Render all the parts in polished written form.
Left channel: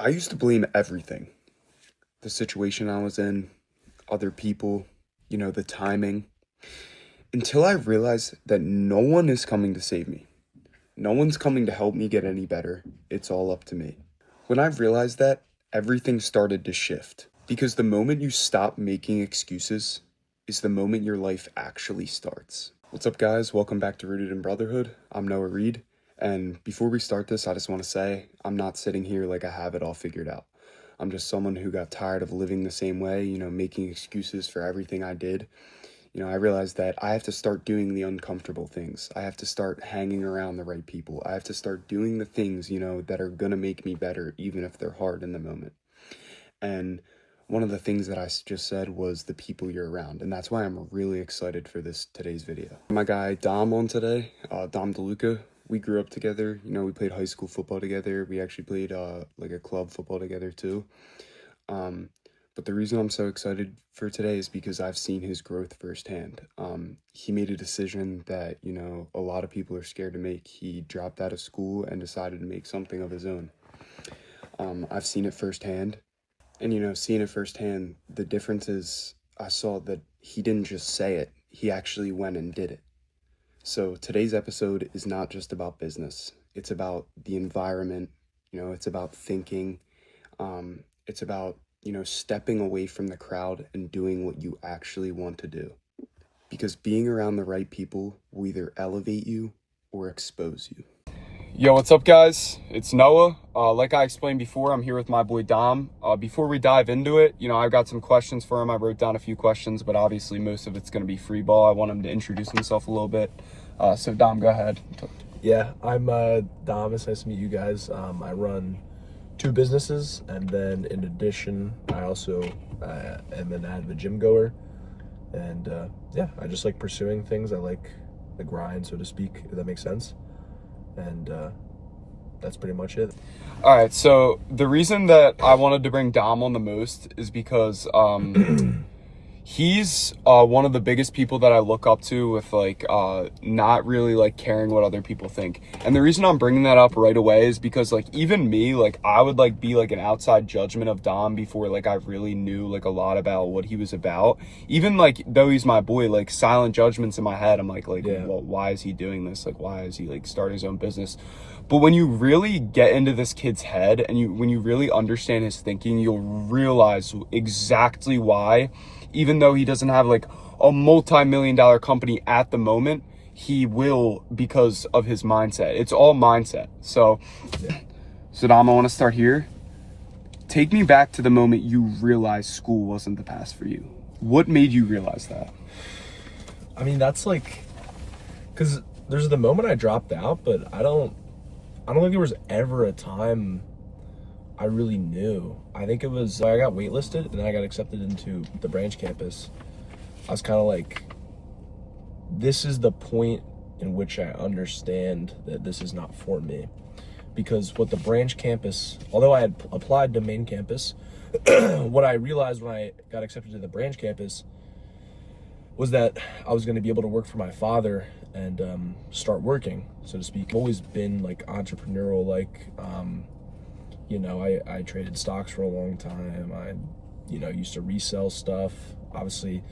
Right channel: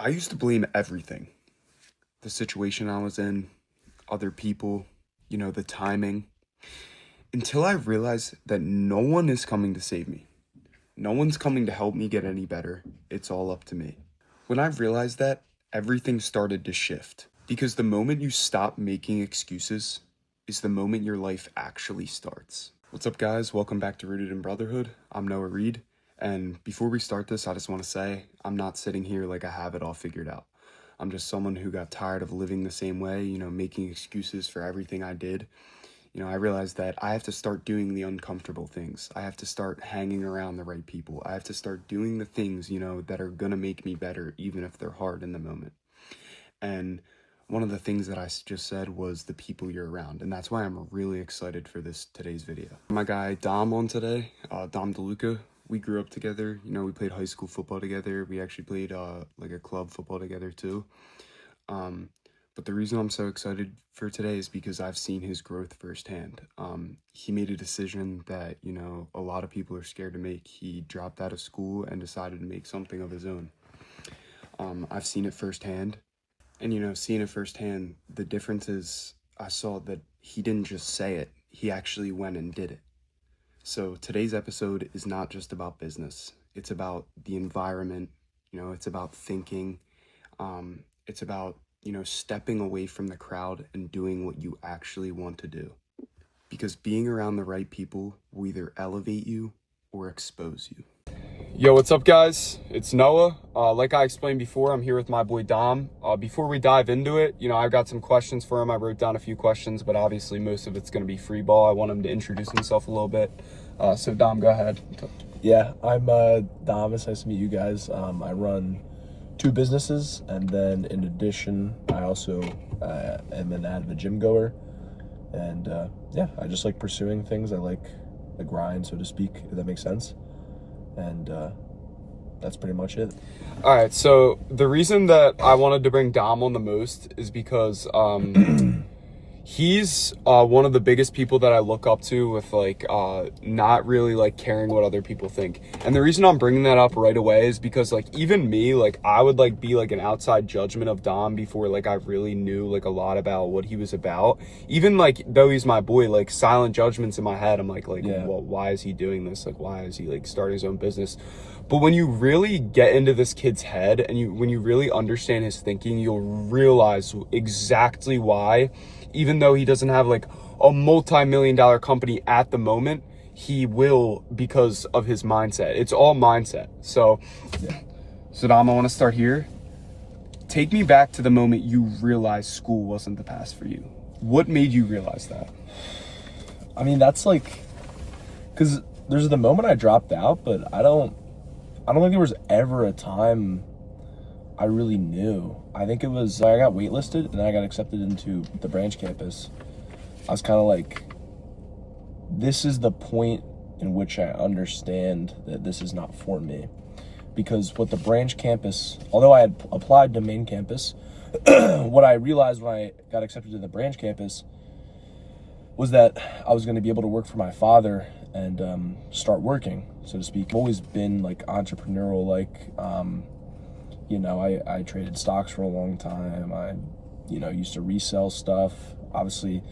I used to blame everything. The situation I was in, other people, the timing, until I realized that no one is coming to save me. No one's coming to help me get any better. It's all up to me. When I realized that, everything started to shift. Because the moment you stop making excuses is the moment your life actually starts. What's up, guys? Welcome back to Rooted in Brotherhood. I'm Noah Reed. And before we start this, I just want to say I'm not sitting here like I have it all figured out. I'm just someone who got tired of living the same way, making excuses for everything I did. I realized that I have to start doing the uncomfortable things. I have to start hanging around the right people. I have to start doing the things, that are going to make me better, even if they're hard in the moment. And one of the things that I just said was the people you're around. And that's why I'm really excited for today's video. My guy Dom on today, Dom DeLuca. We grew up together. We played high school football together. We actually played like a club football together too. But the reason I'm so excited for today is because I've seen his growth firsthand. He made a decision that, a lot of people are scared to make. He dropped out of school and decided to make something of his own. I've seen it firsthand. And, seeing it firsthand, the difference is I saw that he didn't just say it. He actually went and did it. So today's episode is not just about business. It's about the environment. It's about thinking. It's about stepping away from the crowd and doing what you actually want to do. Because being around the right people will either elevate you or expose you. Yo, what's up, guys? It's Noah. Like I explained before, I'm here with my boy Dom. Before we dive into it, I've got some questions for him. I wrote down a few questions, but obviously most of it's going to be free ball. I want him to introduce himself a little bit. So Dom, go ahead. Yeah, I'm Dom. It's nice to meet you guys. I run 2 businesses, and then in addition, I also am an avid gym goer. And yeah, I just like pursuing things. I like the grind, so to speak, if that makes sense. And that's pretty much it. All right, so the reason that I wanted to bring Dom on the most is because he's one of the biggest people that I look up to with not really caring what other people think. And the reason I'm bringing that up right away is because even me, I would be an outside judgment of Dom before I really knew a lot about what he was about. Even though he's my boy, silent judgments in my head. I'm Yeah. Well, why is he doing this? Why is he starting his own business? But when you really get into this kid's head and when you really understand his thinking, you'll realize exactly why, even though he doesn't have a multi-million-dollar company at the moment, he will because of his mindset. It's all mindset. So Dom, I want to start here. Take me back to the moment you realized school wasn't the path for you. What made you realize that? I mean, that's because there's the moment I dropped out, but I don't think there was ever a time I really knew. I think it was, I got waitlisted and then I got accepted into the branch campus. I was kind of this is the point in which I understand that this is not for me. Because what the branch campus, although I had applied to main campus, what I realized when I got accepted to the branch campus was that I was going to be able to work for my father and start working, so to speak. I've always been entrepreneurial, I traded stocks for a long time. I, used to resell stuff. Obviously,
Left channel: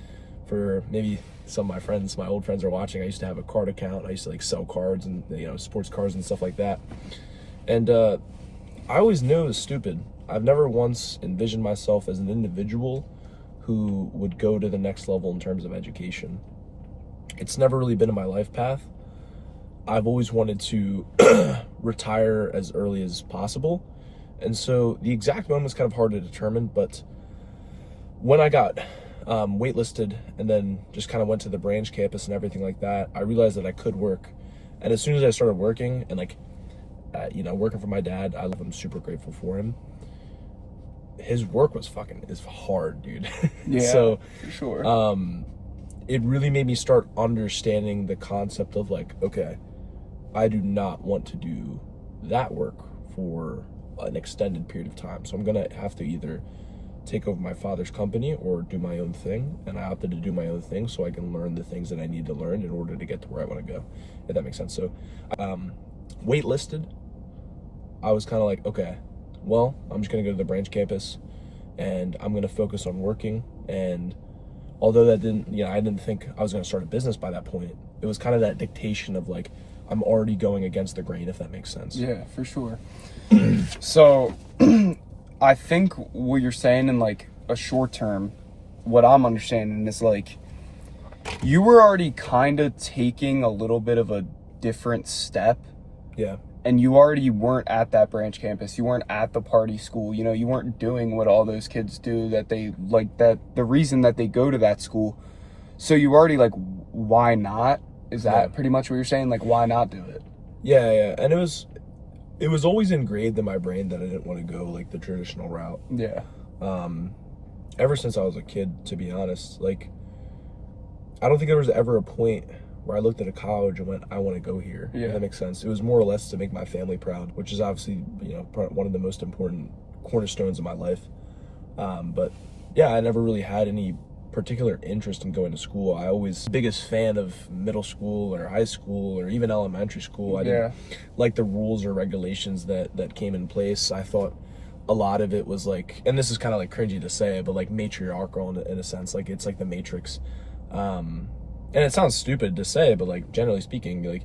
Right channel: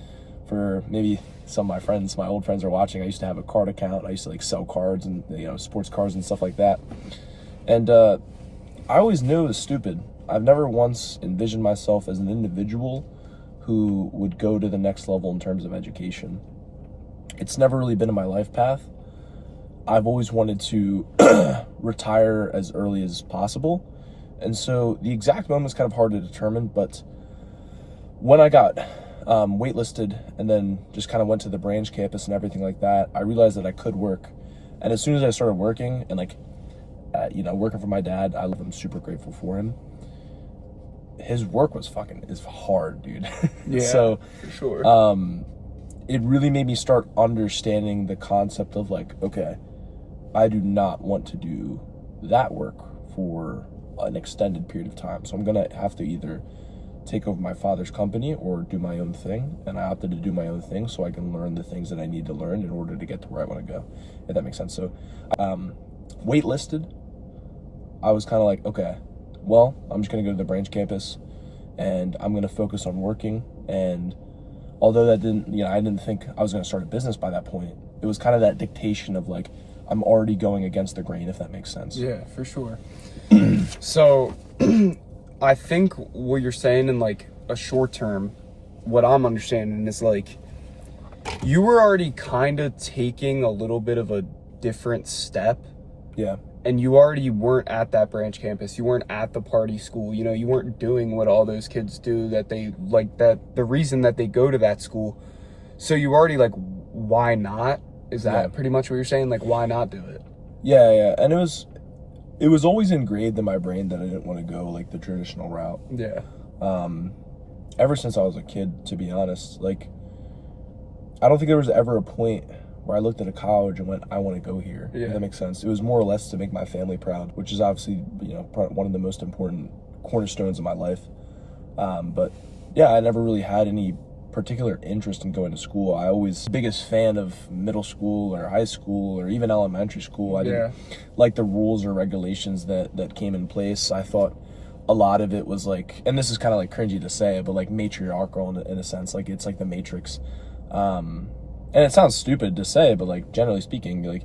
for maybe some of my friends, my old friends are watching, I used to have a card account. I used to sell cards and, sports cards and stuff like that. And I always knew it was stupid. I've never once envisioned myself as an individual who would go to the next level in terms of education. It's never really been in my life path. I've always wanted to retire as early as possible. And so the exact moment is kind of hard to determine, but when I got waitlisted and then just kind of went to the branch campus and everything like that, I realized that I could work. And as soon as I started working and working for my dad, I'm super grateful for him. His work is hard, dude. Yeah, so for sure. It really made me start understanding the concept of okay, I do not want to do that work for an extended period of time. So I'm gonna have to either take over my father's company or do my own thing. And I opted to do my own thing so I can learn the things that I need to learn in order to get to where I want to go, if that makes sense. So waitlisted, I was kind of okay, well, I'm just going to go to the branch campus and I'm going to focus on working. And although that didn't, I didn't think I was going to start a business by that point, it was kind of that dictation of like, I'm already going against the grain, if that makes sense. Yeah, for sure. So I think what you're saying in like a short term, what I'm understanding is like, you were already kind of taking a little bit of a different step. Yeah. And you already weren't at that branch campus. You weren't at the party school. You weren't doing what all those kids do, that they like, that the reason that they go to that school. So you already like, why not? Is that pretty much what you're saying? Like, why not do it? Yeah. And it was always ingrained in my brain that I didn't want to go like the traditional route. Yeah. Ever since I was a kid, to be honest, like, I don't think there was ever a point where I looked at a college and went, I want to go here. Yeah. If that makes sense. It was more or less to make my family proud, which is obviously, one of the most important cornerstones of my life. But yeah, I never really had any particular interest in going to school. I always the biggest fan of middle school or high school or even elementary school. I didn't like the rules or regulations that came in place. I thought a lot of it was like, and this is kind of like cringy to say, but like matriarchal in a sense. Like it's like the Matrix. And it sounds stupid to say, but like generally speaking, like,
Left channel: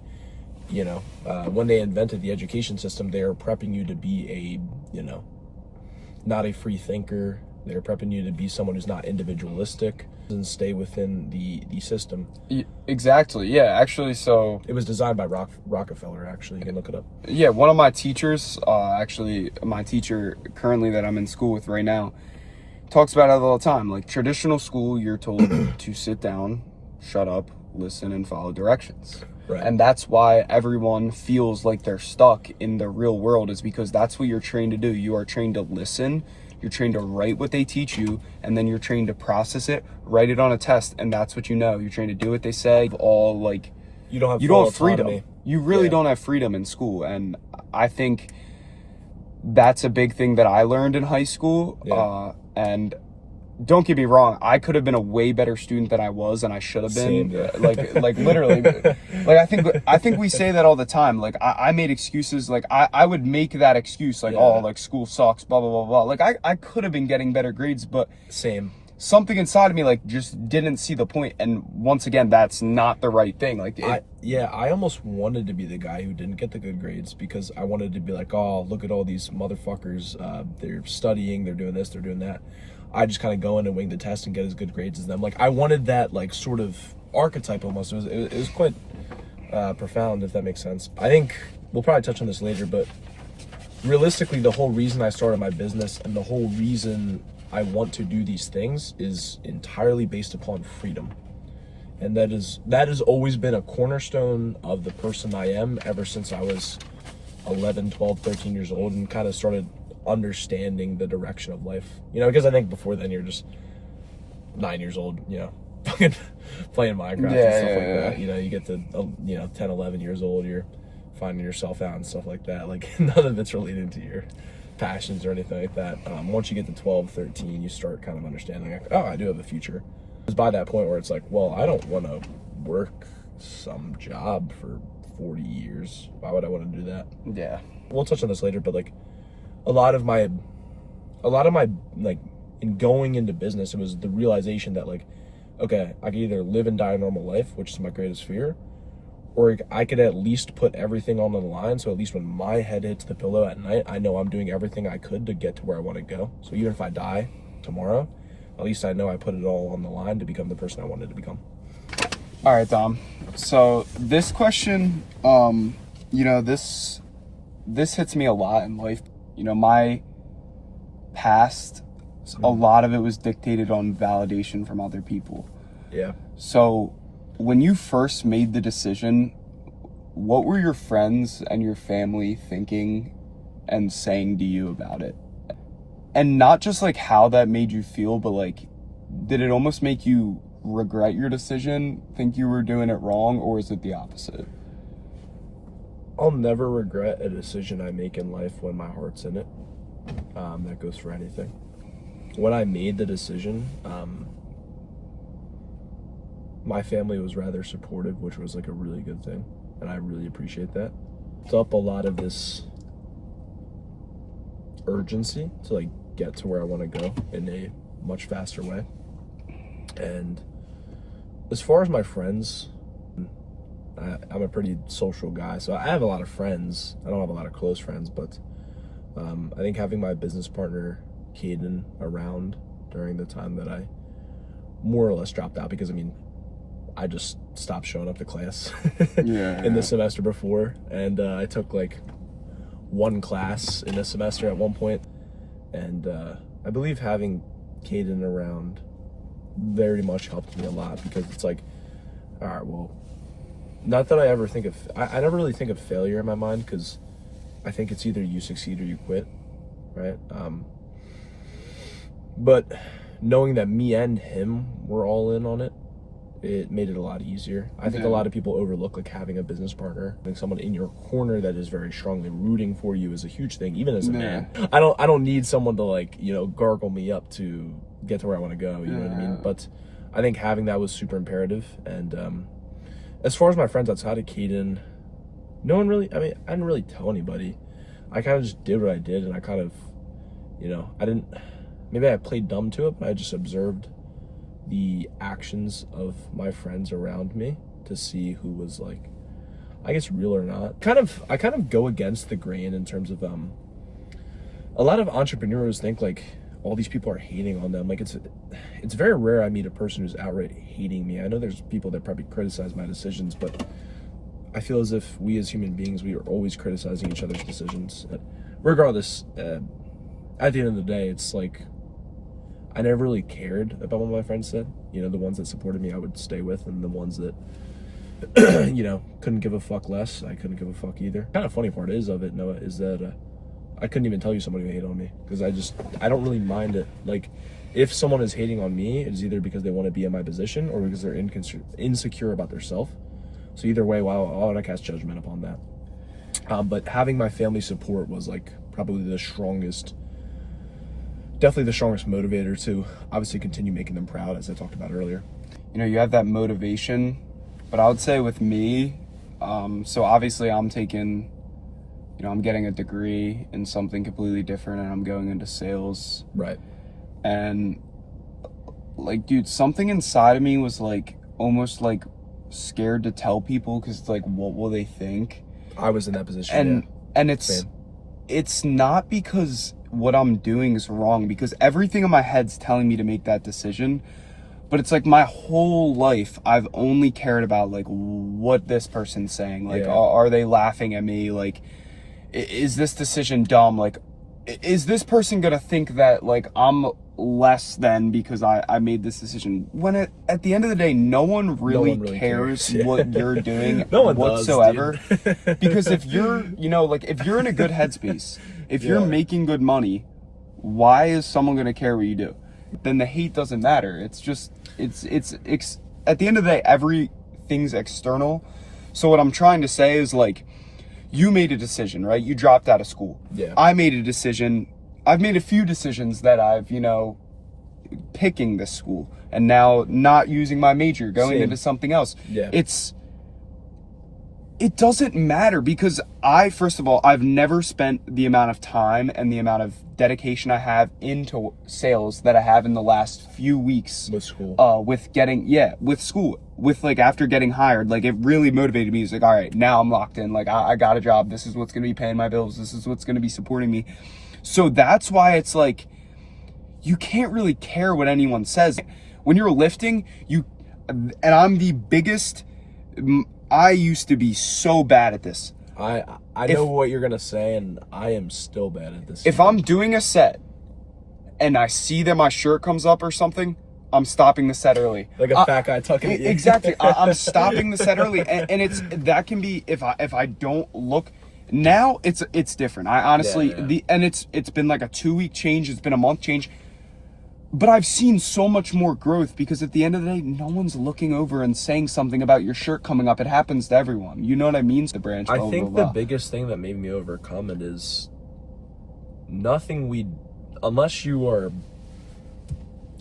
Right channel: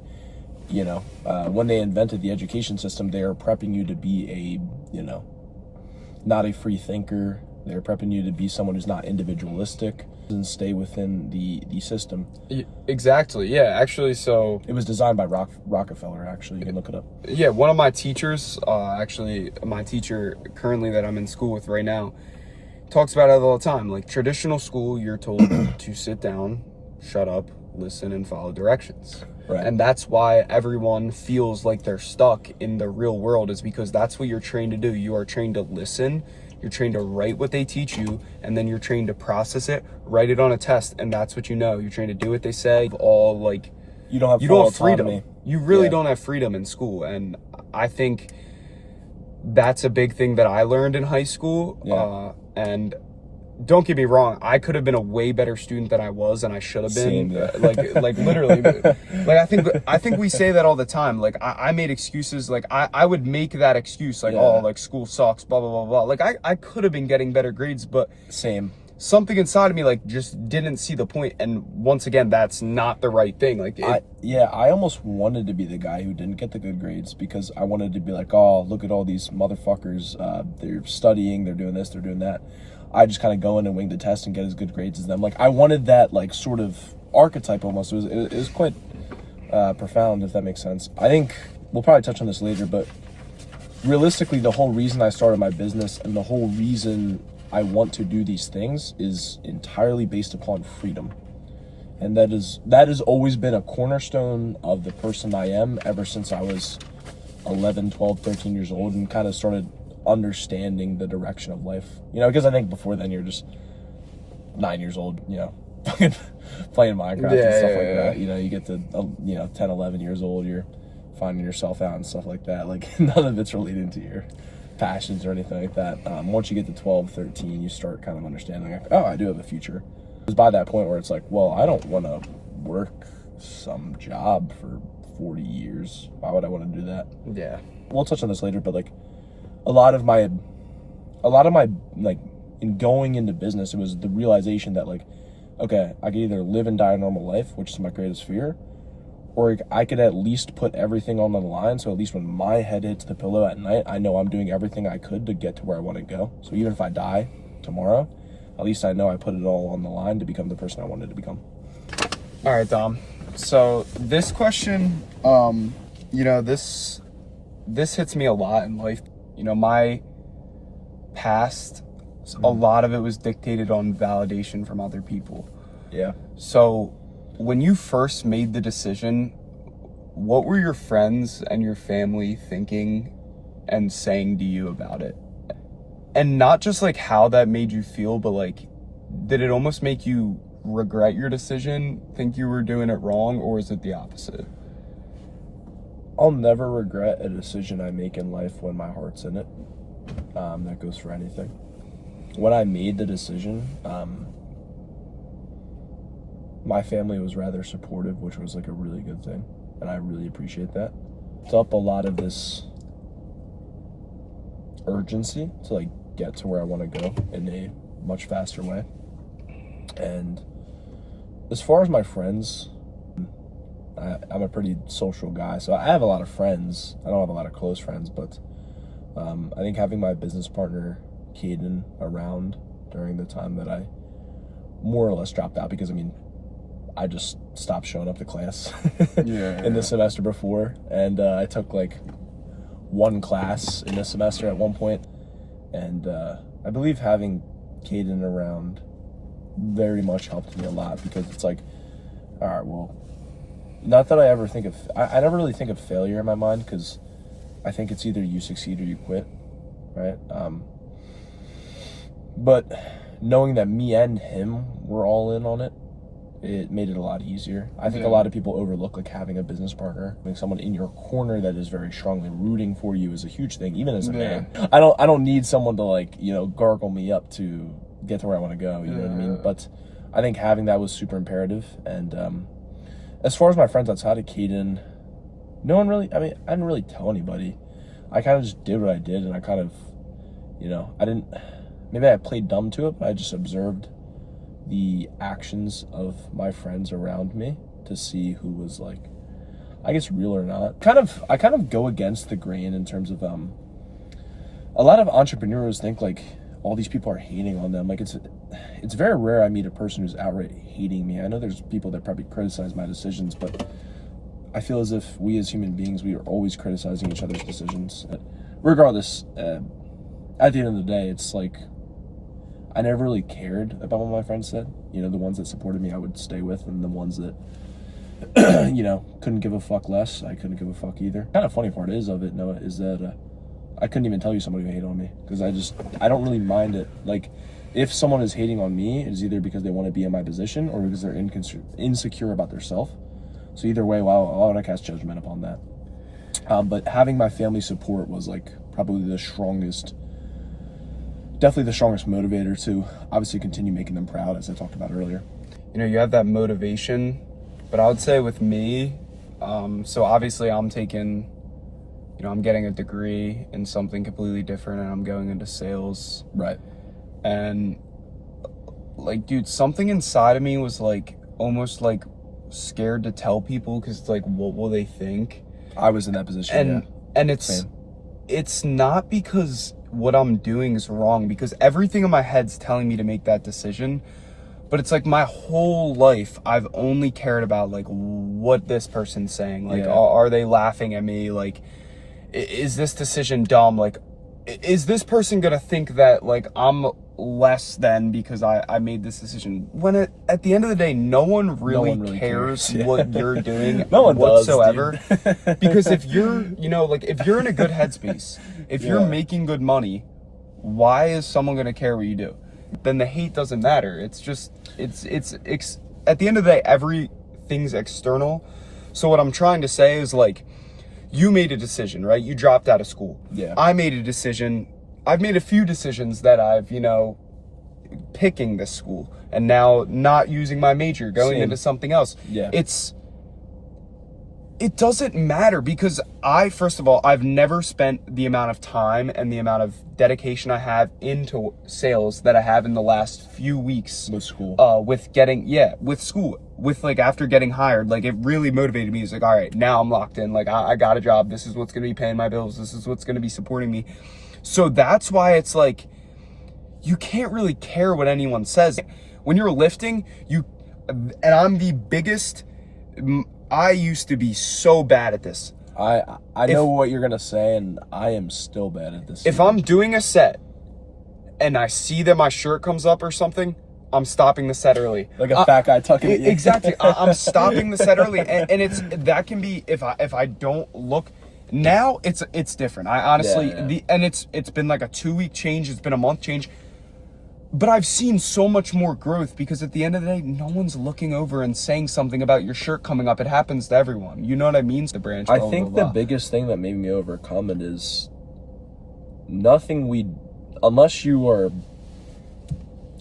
when they invented the education system, they are prepping you to be not a free thinker. They're prepping you to be someone who's not individualistic and stay within the system. Exactly. Yeah. Actually, so it was designed by Rockefeller. Actually, you can look it up. Yeah, one of my teachers, actually, my teacher currently that I'm in school with right now, talks about it all the time. Like traditional school, you're told to sit down, shut up, listen, and follow directions. Right. And that's why everyone feels like they're stuck in the real world, is because that's what you're trained to do. You are trained to listen. You're trained to write what they teach you, and then you're trained to process it, write it on a test, and that's what you know. You're trained to do what they say. All like, you don't have freedom. Autonomy. You really don't have freedom in school, and I think that's a big thing that I learned in high school. Yeah. And don't get me wrong, I could have been a way better student than I was, and I should have been. Like literally, like I think we say that all the time. Like I made excuses. Like I would make that excuse, like, oh, like school sucks, blah blah blah blah. Like I could have been getting better grades, but something inside of me like just didn't see the point. And once again, that's not the right thing. Like I almost wanted to be the guy who didn't get the good grades, because I wanted to be like, oh, look at all these motherfuckers. They're studying, they're doing this, they're doing that. I just kind of go in and wing the test and get as good grades as them. Like I wanted that like sort of archetype almost. It was quite profound, if that makes sense. I think we'll probably touch on this later, but realistically, the whole reason I started my business and the whole reason I want to do these things is entirely based upon freedom. And that has always been a cornerstone of the person I am ever since I was 11, 12, 13 years old and kind of started understanding the direction of life. Because I think before then you're just 9 years old, playing Minecraft and stuff like that. You get to 10, 11 years old, you're finding yourself out and stuff like that. Like none of it's related to your passions or anything like that. Once you get to 12, 13, you start kind of understanding, like, oh, I do have a future. It's by that point where it's like, well, I don't want to work some job for 40 years. Why would I want to do that? Yeah. We'll touch on this later, but like a lot of my like in going into business, it was the realization that like, okay, I could either live and die a normal life, which is my greatest fear, or I could at least put everything on the line. So at least when my head hits the pillow at night, I know I'm doing everything I could to get to where I want to go. So even if I die tomorrow, at least I know I put it all on the line to become the person I wanted to become. All right, Dom. So this question, this hits me a lot in life. My past, a lot of it was dictated on validation from other people. Yeah. So when you first made the decision, what were your friends and your family thinking and saying to you about it? And not just like how that made you feel, but like, did it almost make you regret your decision, think you were doing it wrong, or is it the opposite? I'll never regret a decision I make in life when my heart's in it. That goes for anything. When I made the decision, my family was rather supportive, which was like a really good thing, and I really appreciate that. It's up a lot of this urgency to like get to where I want to go in a much faster way. And as far as my friends, I'm a pretty social guy, so I have a lot of friends. I don't have a lot of close friends, but I think having my business partner Caden around during the time that I more or less dropped out, because I mean I just stopped showing up to class in the semester before, and I took like one class in a semester at one point, and I believe having Caden around very much helped me a lot, because it's like, all right, well, not that I ever think of, I never really think of failure in my mind, because I think it's either you succeed or you quit, right? But knowing that me and him were all in on it, it made it a lot easier. I think a lot of people overlook like having a business partner, having someone in your corner that is very strongly rooting for you is a huge thing, even as a man. I don't need someone to like, you know, gargle me up to get to where I want to go, you know what I mean? But I think having that was super imperative. And as far as my friends outside of Caden, no one really, I mean, I didn't really tell anybody. I kind of just did what I did, and I kind of, you know, maybe I played dumb to it, but I just observed the actions of my friends around me to see who was like, I guess, real or not. I kind of go against the grain in terms of a lot of entrepreneurs think like all these people are hating on them. Like it's very rare I meet a person who's outright hating me. I know there's people that probably criticize my decisions, but I feel as if we as human beings, we are always criticizing each other's decisions. Regardless, at the end of the day, it's like, I never really cared about what my friends said. You know, the ones that supported me, I would stay with, and the ones that, you know, couldn't give a fuck less, I couldn't give a fuck either. Kind of funny part is of it, Noah, is that I couldn't even tell you somebody who hated on me, because I don't really mind it. Like, if someone is hating on me, it's either because they want to be in my position or because they're insecure about themselves. So either way, well, I want to cast judgment upon that. But having my family support was like probably definitely the strongest motivator to obviously continue making them proud, as I talked about earlier. You know, you have that motivation, but I would say with me, so obviously I'm taking, you know, I'm getting a degree in something completely different, and I'm going into sales. Right. And like, dude, something inside of me was like almost like scared to tell people, because it's like, what will they think? I was in that position. And it's not because what I'm doing is wrong, because everything in my head's telling me to make that decision. But it's like my whole life I've only cared about like what this person's saying. Like, are they laughing at me? Like, is this decision dumb? Like, is this person gonna think that like I'm less than because I made this decision? When at the end of the day, no one really cares what you're doing whatsoever. Because if you're, you know, like if you're in a good headspace, if you're making good money, why is someone gonna care what you do? Then the hate doesn't matter. It's just it's at the end of the day, everything's external. So what I'm trying to say is like, you made a decision, right? You dropped out of school. Yeah. I made a decision. I've made a few decisions that I've, you know, picking this school and now not using my major, going into something else. Yeah. It doesn't matter, because first of all, I've never spent the amount of time and the amount of dedication I have into sales that I have in the last few weeks with school. With school, with like after getting hired, like it really motivated me. It's like, all right, now I'm locked in. Like I got a job. This is what's going to be paying my bills. This is what's going to be supporting me. So that's why it's like, you can't really care what anyone says. When you're lifting, and I'm the biggest, I used to be so bad at this. I know what you're going to say, and I am still bad at this. If I'm doing a set and I see that my shirt comes up or something, I'm stopping the set early. Like a fat guy tucking it. Exactly. I'm stopping the set early. And that can be, if I don't look. Now it's different. I honestly, it's been like a 2-week change. It's been a month change. But I've seen so much more growth, because at the end of the day, no one's looking over and saying something about your shirt coming up. It happens to everyone. You know what I mean? The branch. I think the biggest thing that made me overcome it is unless you are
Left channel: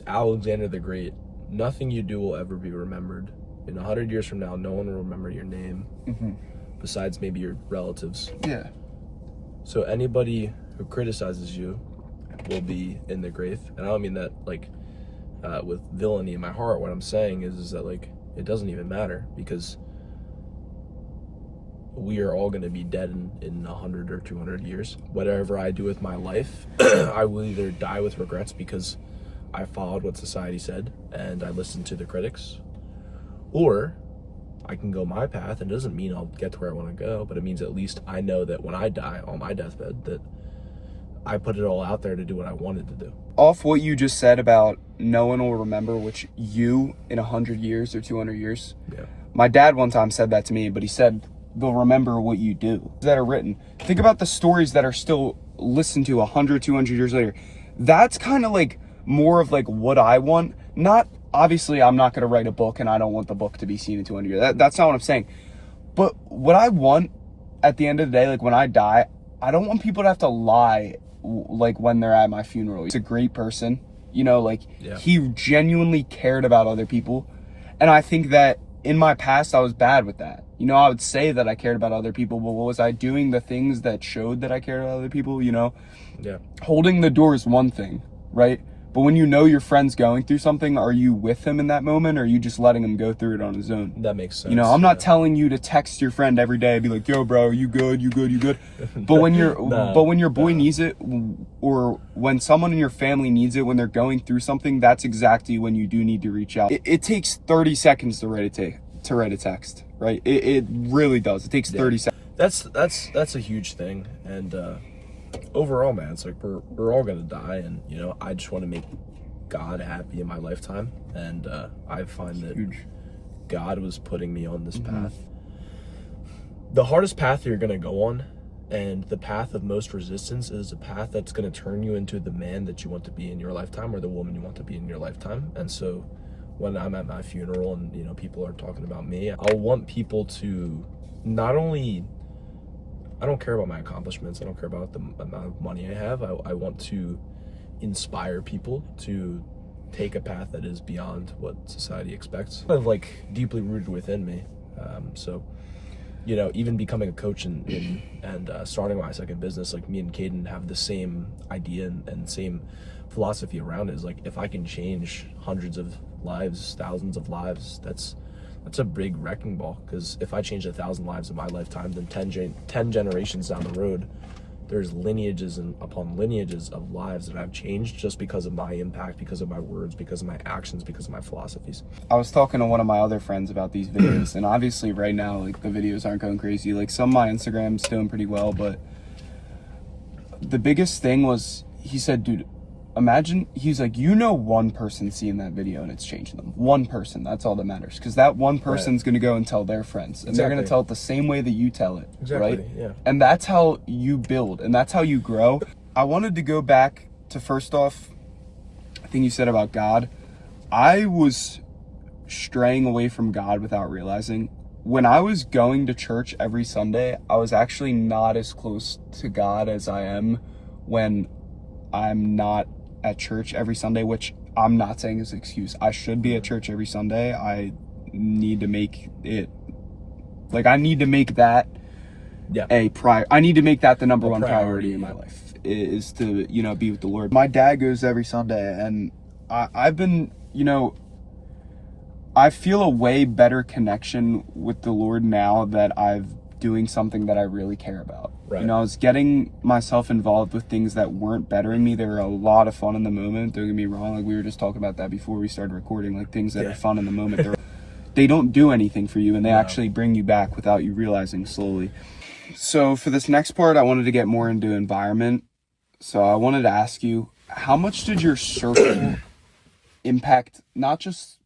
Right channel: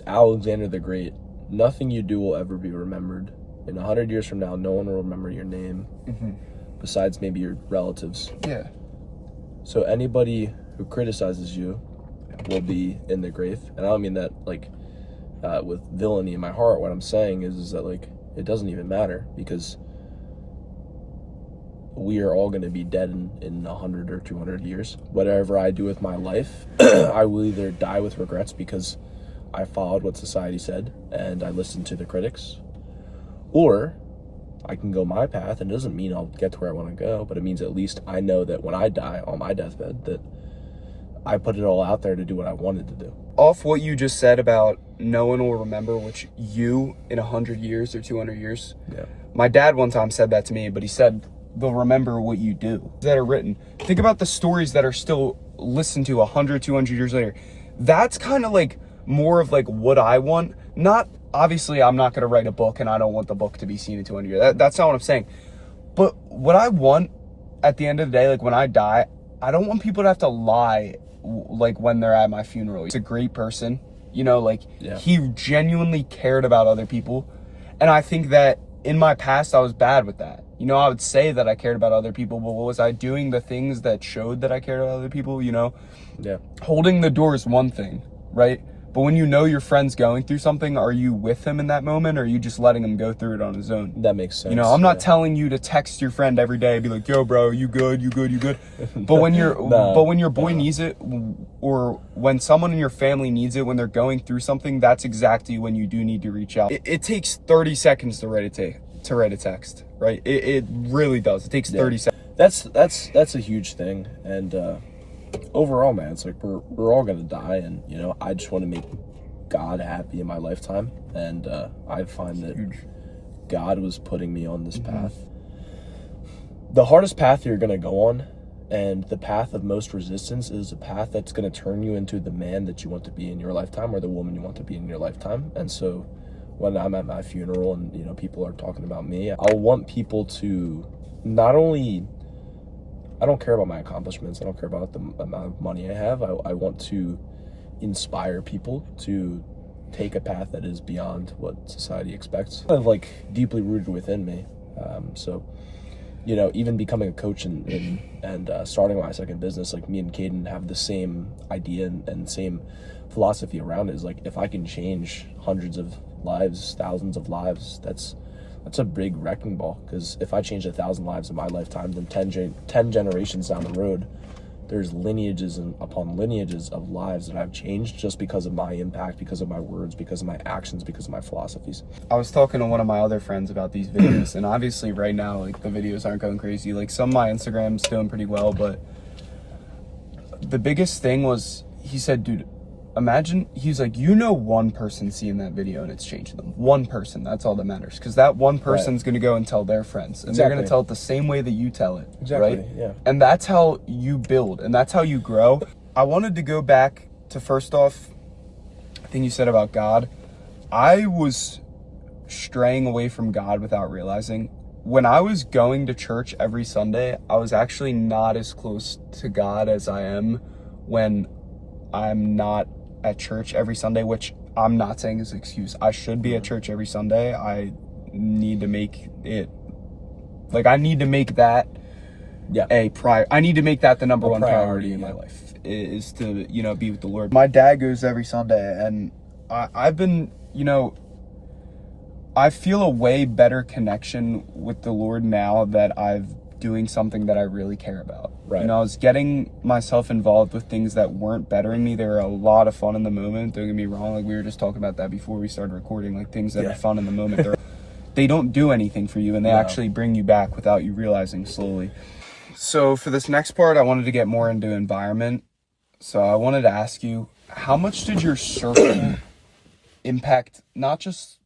Alexander the Great, nothing you do will ever be remembered. In 100 years from now, no one will remember your name, besides maybe your relatives. Yeah. So anybody who criticizes you will be in the grave. And I don't mean that like with villainy in my heart. What I'm saying is that like it doesn't even matter, because we are all going to be dead in 100 or 200 years. Whatever I do with my life, I will either die with regrets because I followed what society said and I listened to the critics, or I can go my path. And it doesn't mean I'll get to where I want to go, but it means at least I know that when I die on my deathbed, that I put it all out there to do what I wanted to do. Off what you just said about no one will remember which you in 100 years or 200 years. Yeah. My dad one time said that to me, but he said they'll remember what you do that are written. Think about the stories that are still listened to 100, 200 years later. That's kind of like more of like what I want. Not, obviously, I'm not going to write a book and I don't want the book to be seen in 200 years. That's not what I'm saying. But what I want at the end of the day, like when I die, I don't want people to have to lie like when they're at my funeral. He's a great person, you know, like he genuinely cared about other people. And I think that in my past, I was bad with that. You know, I would say that I cared about other people, but was I doing the things that showed that I cared about other people, you know? Yeah. Holding the door is one thing, right? But when you know your friend's going through something, are you with him in that moment, or are you just letting him go through it on his own? That makes sense. You know, I'm not telling you to text your friend every day and be like, yo, bro, you good, you good, you good. But when your boy needs it, or when someone in your family needs it, when they're going through something, that's exactly when you do need to reach out. It takes 30 seconds to write a text, right? It really does. It takes 30 seconds. That's a huge thing. And overall, man, it's like we're all gonna die, and you know, I just want to make God happy in my lifetime, and I find that God was putting me on this path. The hardest path you're gonna go on, and the path of most resistance, is a path that's gonna turn you into the man that you want to be in your lifetime, or the woman you want to be in your lifetime. And so when I'm at my funeral and, you know, people are talking about me, I want people to not only, I don't care about my accomplishments, I don't care about the amount of money I have, I want to inspire people to take a path that is beyond what society expects. Kind of like deeply rooted within me. So, you know, even becoming a coach and starting my second business, like me and Caden have the same idea and same philosophy around it. Is like, if I can change hundreds of lives, thousands of lives, that's a big wrecking ball. Because if I change 1,000 lives in my lifetime, then 10 generations down the road, there's lineages and upon lineages of lives that I've changed just because of my impact, because of my words, because of my actions, because of my philosophies. I was talking to one of my other friends about these videos, and obviously right now, like, the videos aren't going crazy. Like, some of my Instagram's doing pretty well, but the biggest thing was, he said, dude, imagine, he's like, you know, one person seeing that video and it's changing them. One person, that's all that matters. Because that one person's going to go and tell their friends. And they're going to tell it the same way that you tell it. Exactly, right? yeah. And that's how you build. And that's how you grow. I wanted to go back to, first off, the thing you said about God. I was straying away from God without realizing. When I was going to church every Sunday, I was actually not as close to God as I am when I'm not at church every Sunday, which I'm not saying is an excuse. I should be at church every Sunday. I need to make it, like, I need to make that I need to make that the number one priority in my life, is to, you know, be with the Lord. My dad goes every Sunday, and I've been, you know, I feel a way better connection with the Lord now that I've doing something that I really care about. Right. You know, I was getting myself involved with things that weren't bettering me. They were a lot of fun in the moment. Don't get me wrong. Like, we were just talking about that before we started recording. Like, things that are fun in the moment, they don't do anything for you, and they actually bring you back without you realizing slowly. So for this next part, I wanted to get more into environment. So I wanted to ask you, how much did your circle impact not just,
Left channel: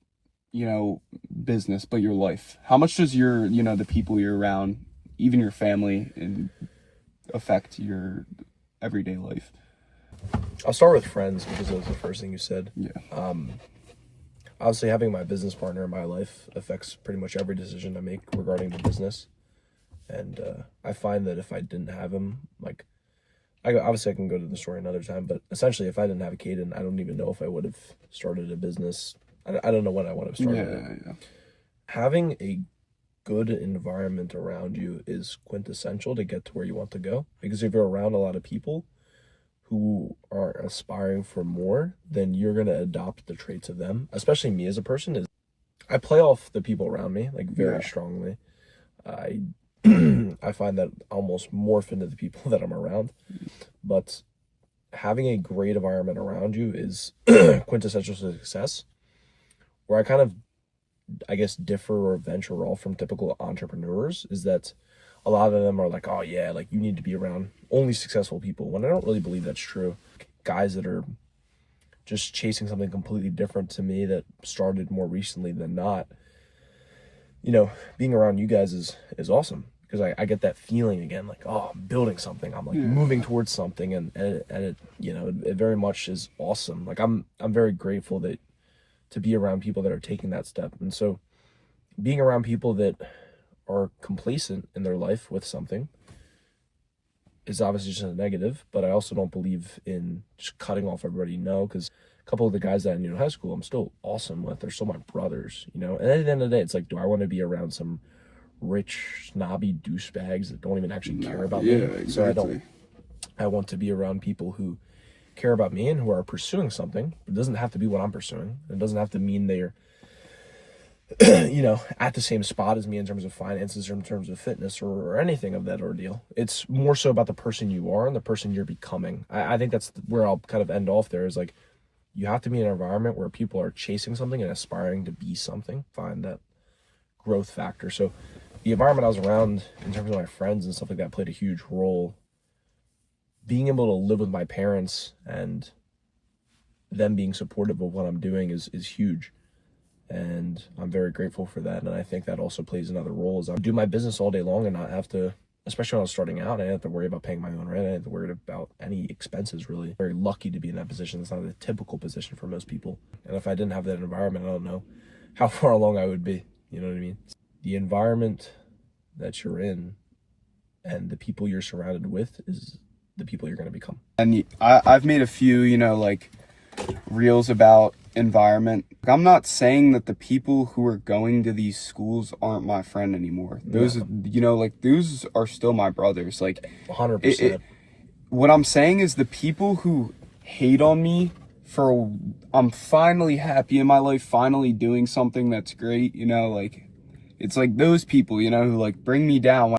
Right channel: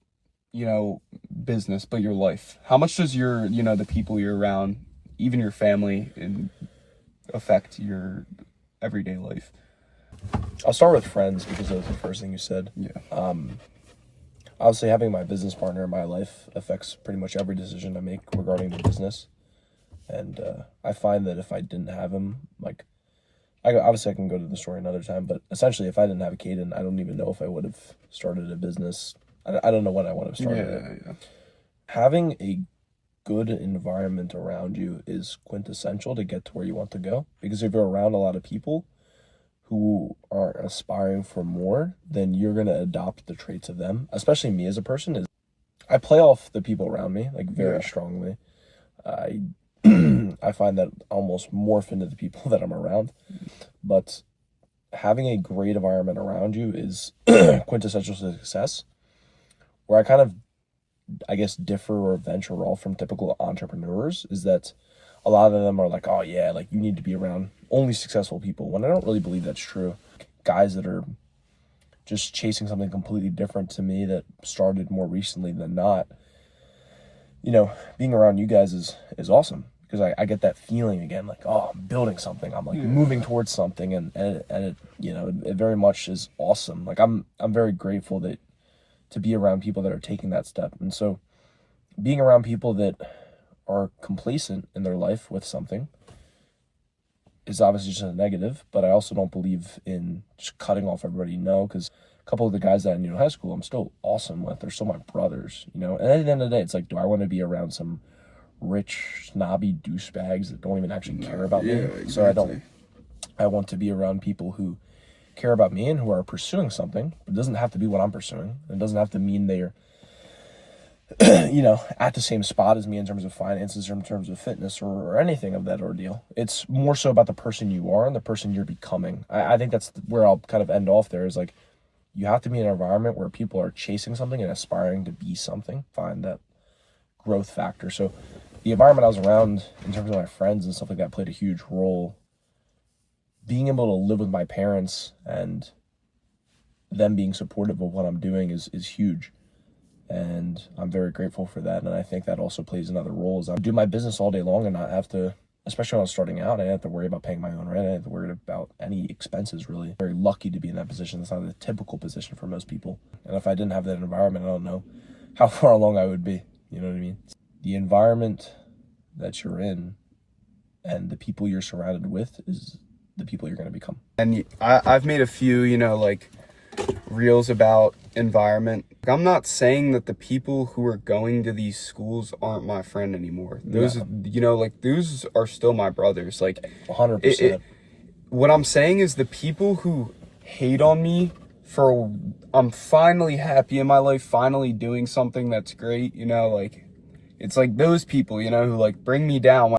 you know, business, but your life? How much does your, you know, the people you're around, even your family, and affect your everyday life? I'll start with friends, because that was the first thing you said. Yeah. Obviously, having my business partner in my life affects pretty much every decision I make regarding the business. And I find that if I didn't have him, like, obviously I can go to the story another time, but essentially if I didn't have Caden, I don't even know if I would have started a business. I don't know when I would have started it. Yeah. Having a good environment around you is quintessential to get to where you want to go, because if you're around a lot of people who are aspiring for more, then you're going to adopt the traits of them. Especially me as a person, is I play off the people around me like very strongly. I I find that I almost morph into the people that I'm around. But having a great environment around you is quintessential success. Where I kind of, I guess, differ or venture off from typical entrepreneurs is that a lot of them are like, oh yeah, like you need to be around only successful people, when I don't really believe that's true. Guys that are just chasing something completely different to me that started more recently than not, you know, being around you guys is awesome, because I get that feeling again, like, oh, I'm building something, I'm like moving towards something, and it, you know, it very much is awesome. Like I'm very grateful that to be around people that are taking that step. And so being around people that are complacent in their life with something is obviously just a negative, but I also don't believe in just cutting off everybody, no, because a couple of the guys that I knew in high school I'm still awesome with. They're still my brothers, you know. And at the end of the day, it's like, do I want to be around some rich, snobby douchebags that don't even actually care about me? Exactly. So I want to be around people who care about me and who are pursuing something. It doesn't have to be what I'm pursuing. It doesn't have to mean they're you know, at the same spot as me in terms of finances or in terms of fitness or anything of that ordeal. It's more so about the person you are and the person you're becoming. I think that's where I'll kind of end off there, is like, you have to be in an environment where people are chasing something and aspiring to be something. Find that growth factor. So the environment I was around in terms of my friends and stuff like that played a huge role. Being able to live with my parents and them being supportive of what I'm doing is huge. And I'm very grateful for that. And I think that also plays another role, is I do my business all day long and not have to, especially when I was starting out, I didn't have to worry about paying my own rent. I didn't have to worry about any expenses, really. Very lucky to be in that position. It's not a typical position for most people. And if I didn't have that environment, I don't know how far along I would be. You know what I mean? The environment that you're in and the people you're surrounded with is the people you're going to become. And I've made a few, you know, like reels about environment. I'm not saying that the people who are going to these schools aren't my friend anymore. Those, you know, like those are still my brothers. Like 100%. What I'm saying is the people who hate on me for I'm finally happy in my life, finally doing something that's great, you know, like it's like those people, you know, who like bring me down.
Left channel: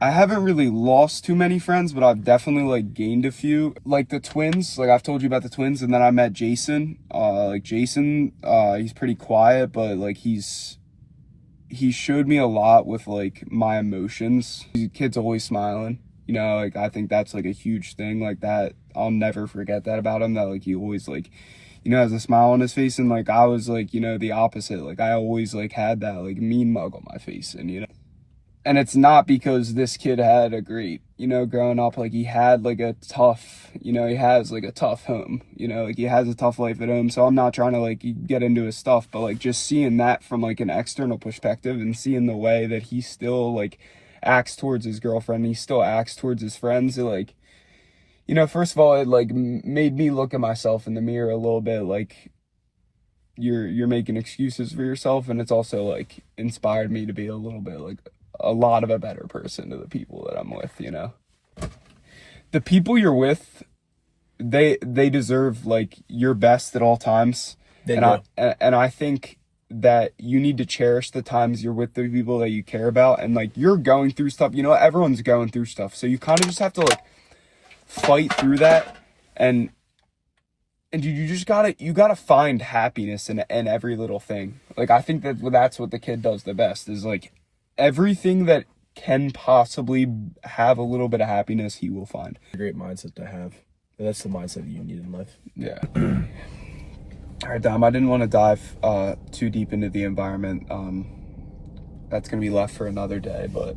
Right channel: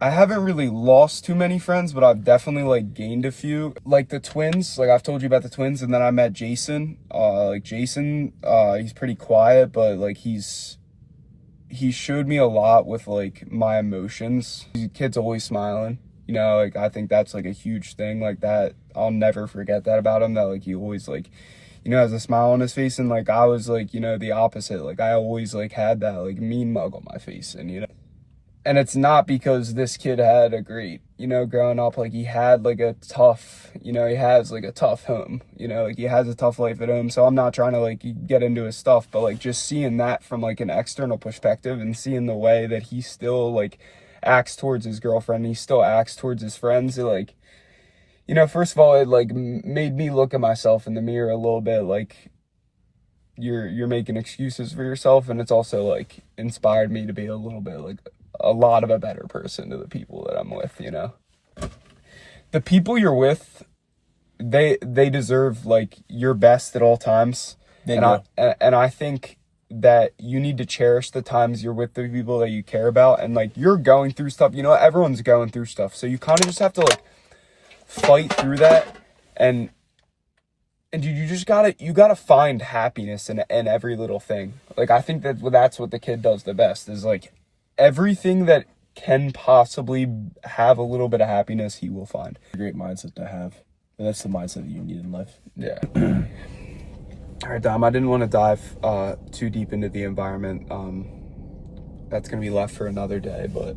I haven't really lost too many friends, but I've definitely like gained a few. Like the twins, like I've told you about the twins, and then I met Jason. Like Jason, he's pretty quiet, but like he showed me a lot with like my emotions. The kid's always smiling, you know, like I think that's like a huge thing, like that. I'll never forget that about him, that like he always like, you know, has a smile on his face. And like I was like, you know, the opposite. Like I always like had that like mean mug on my face, and you know. And it's not because this kid had a great, you know, growing up, like he had like a tough, you know, he has like a tough home, you know, like he has a tough life at home. So I'm not trying to like get into his stuff, but like just seeing that from like an external perspective and seeing the way that he still like acts towards his girlfriend, he still acts towards his friends, it, like, you know, first of all, it like made me look at myself in the mirror a little bit, like you're making excuses for yourself. And it's also like inspired me to be a little bit like a lot of a better person to the people that I'm with, you know. The people you're with, they deserve like your best at all times. And I think that you need to cherish the times you're with the people that you care about. And like you're going through stuff, you know, everyone's going through stuff. So you kind of just have to like fight through that, and you just gotta find happiness in every little thing. Like I think that's what the kid does the best, is like everything that can possibly have a little bit of happiness, he will find. A great mindset to have. And that's the mindset that you need in life. Yeah. All right, Dom, I didn't want to dive too deep into the environment. That's going to be left for another day. But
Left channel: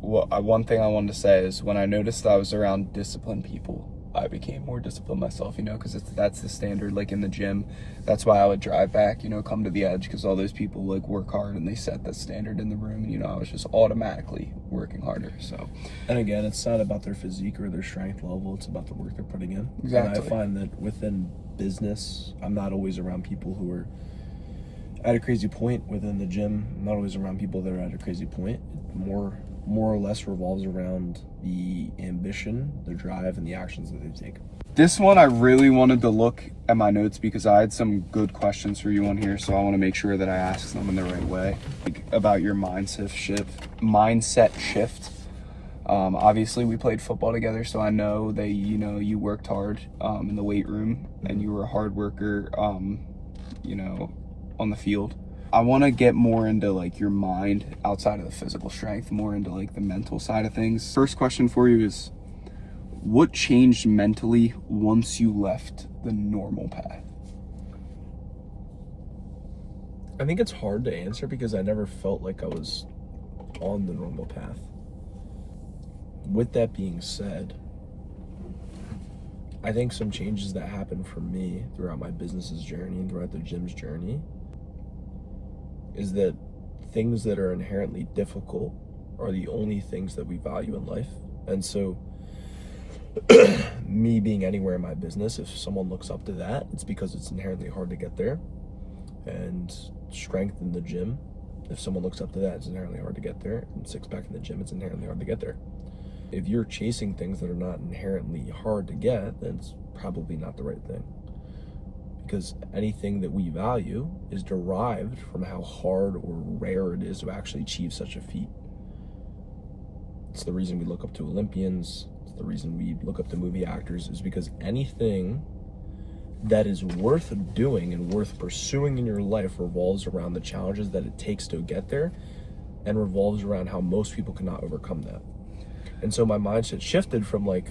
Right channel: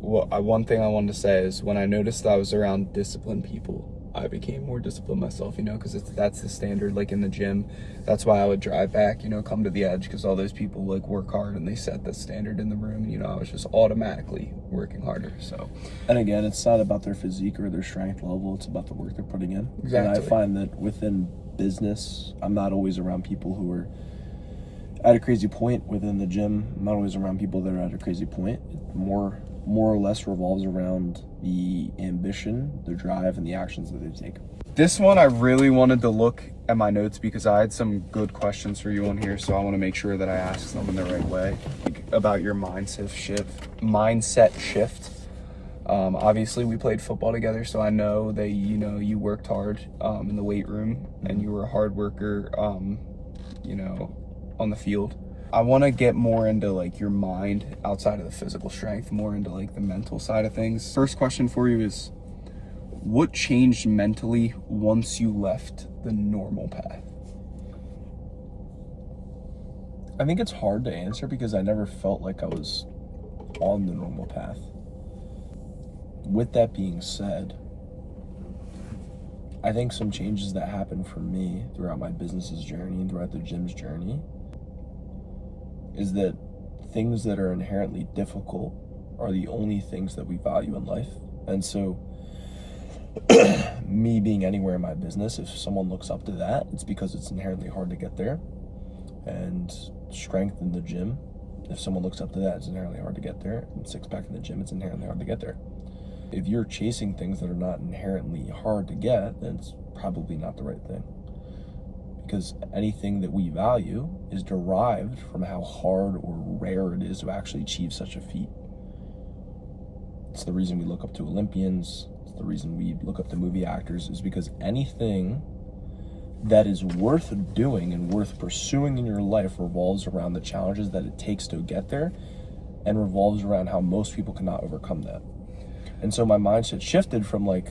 one thing I wanted to say is when I noticed I was around disciplined people, I became more disciplined myself, you know, because that's the standard, like in the gym. That's why I would drive back, you know, come to the edge, because all those people like work hard and they set the standard in the room. And, you know, I was just automatically working harder. So, and again, it's not about their physique or their strength level. It's about the work they're putting in. Exactly. And I find that within business, I'm not always around people who are at a crazy point. Within the gym, I'm not always around people that are at a crazy point. More more or less revolves around the ambition, the drive, and the actions that they take. This one, I really wanted to look at my notes because I had some good questions for you on here, so I want to make sure that I ask them in the right way. About your mindset shift. Obviously, we played football together, so I know that you worked hard in the weight room, and you were a hard worker, on the field. I want to get more into like your mind outside of the physical strength, more into like the mental side of things. First question for you is, what changed mentally once you left the normal path? I think it's hard to answer because I never felt like I was on the normal path. With that being said, I think some changes that happened for me throughout my business's journey and throughout the gym's journey is that things that are inherently difficult are the only things that we value in life. And so me being anywhere in my business, if someone looks up to that, it's because it's inherently hard to get there. And strength in the gym, if someone looks up to that, it's inherently hard to get there. And six pack in the gym, it's inherently hard to get there. If you're chasing things that are not inherently hard to get, then it's probably not the right thing. Because anything that we value is derived from how hard or rare it is to actually achieve such a feat. It's the reason we look up to Olympians. It's the reason we look up to movie actors, is because anything that is worth doing and worth pursuing in your life revolves around the challenges that it takes to get there, and revolves around how most people cannot overcome that. And so my mindset shifted from like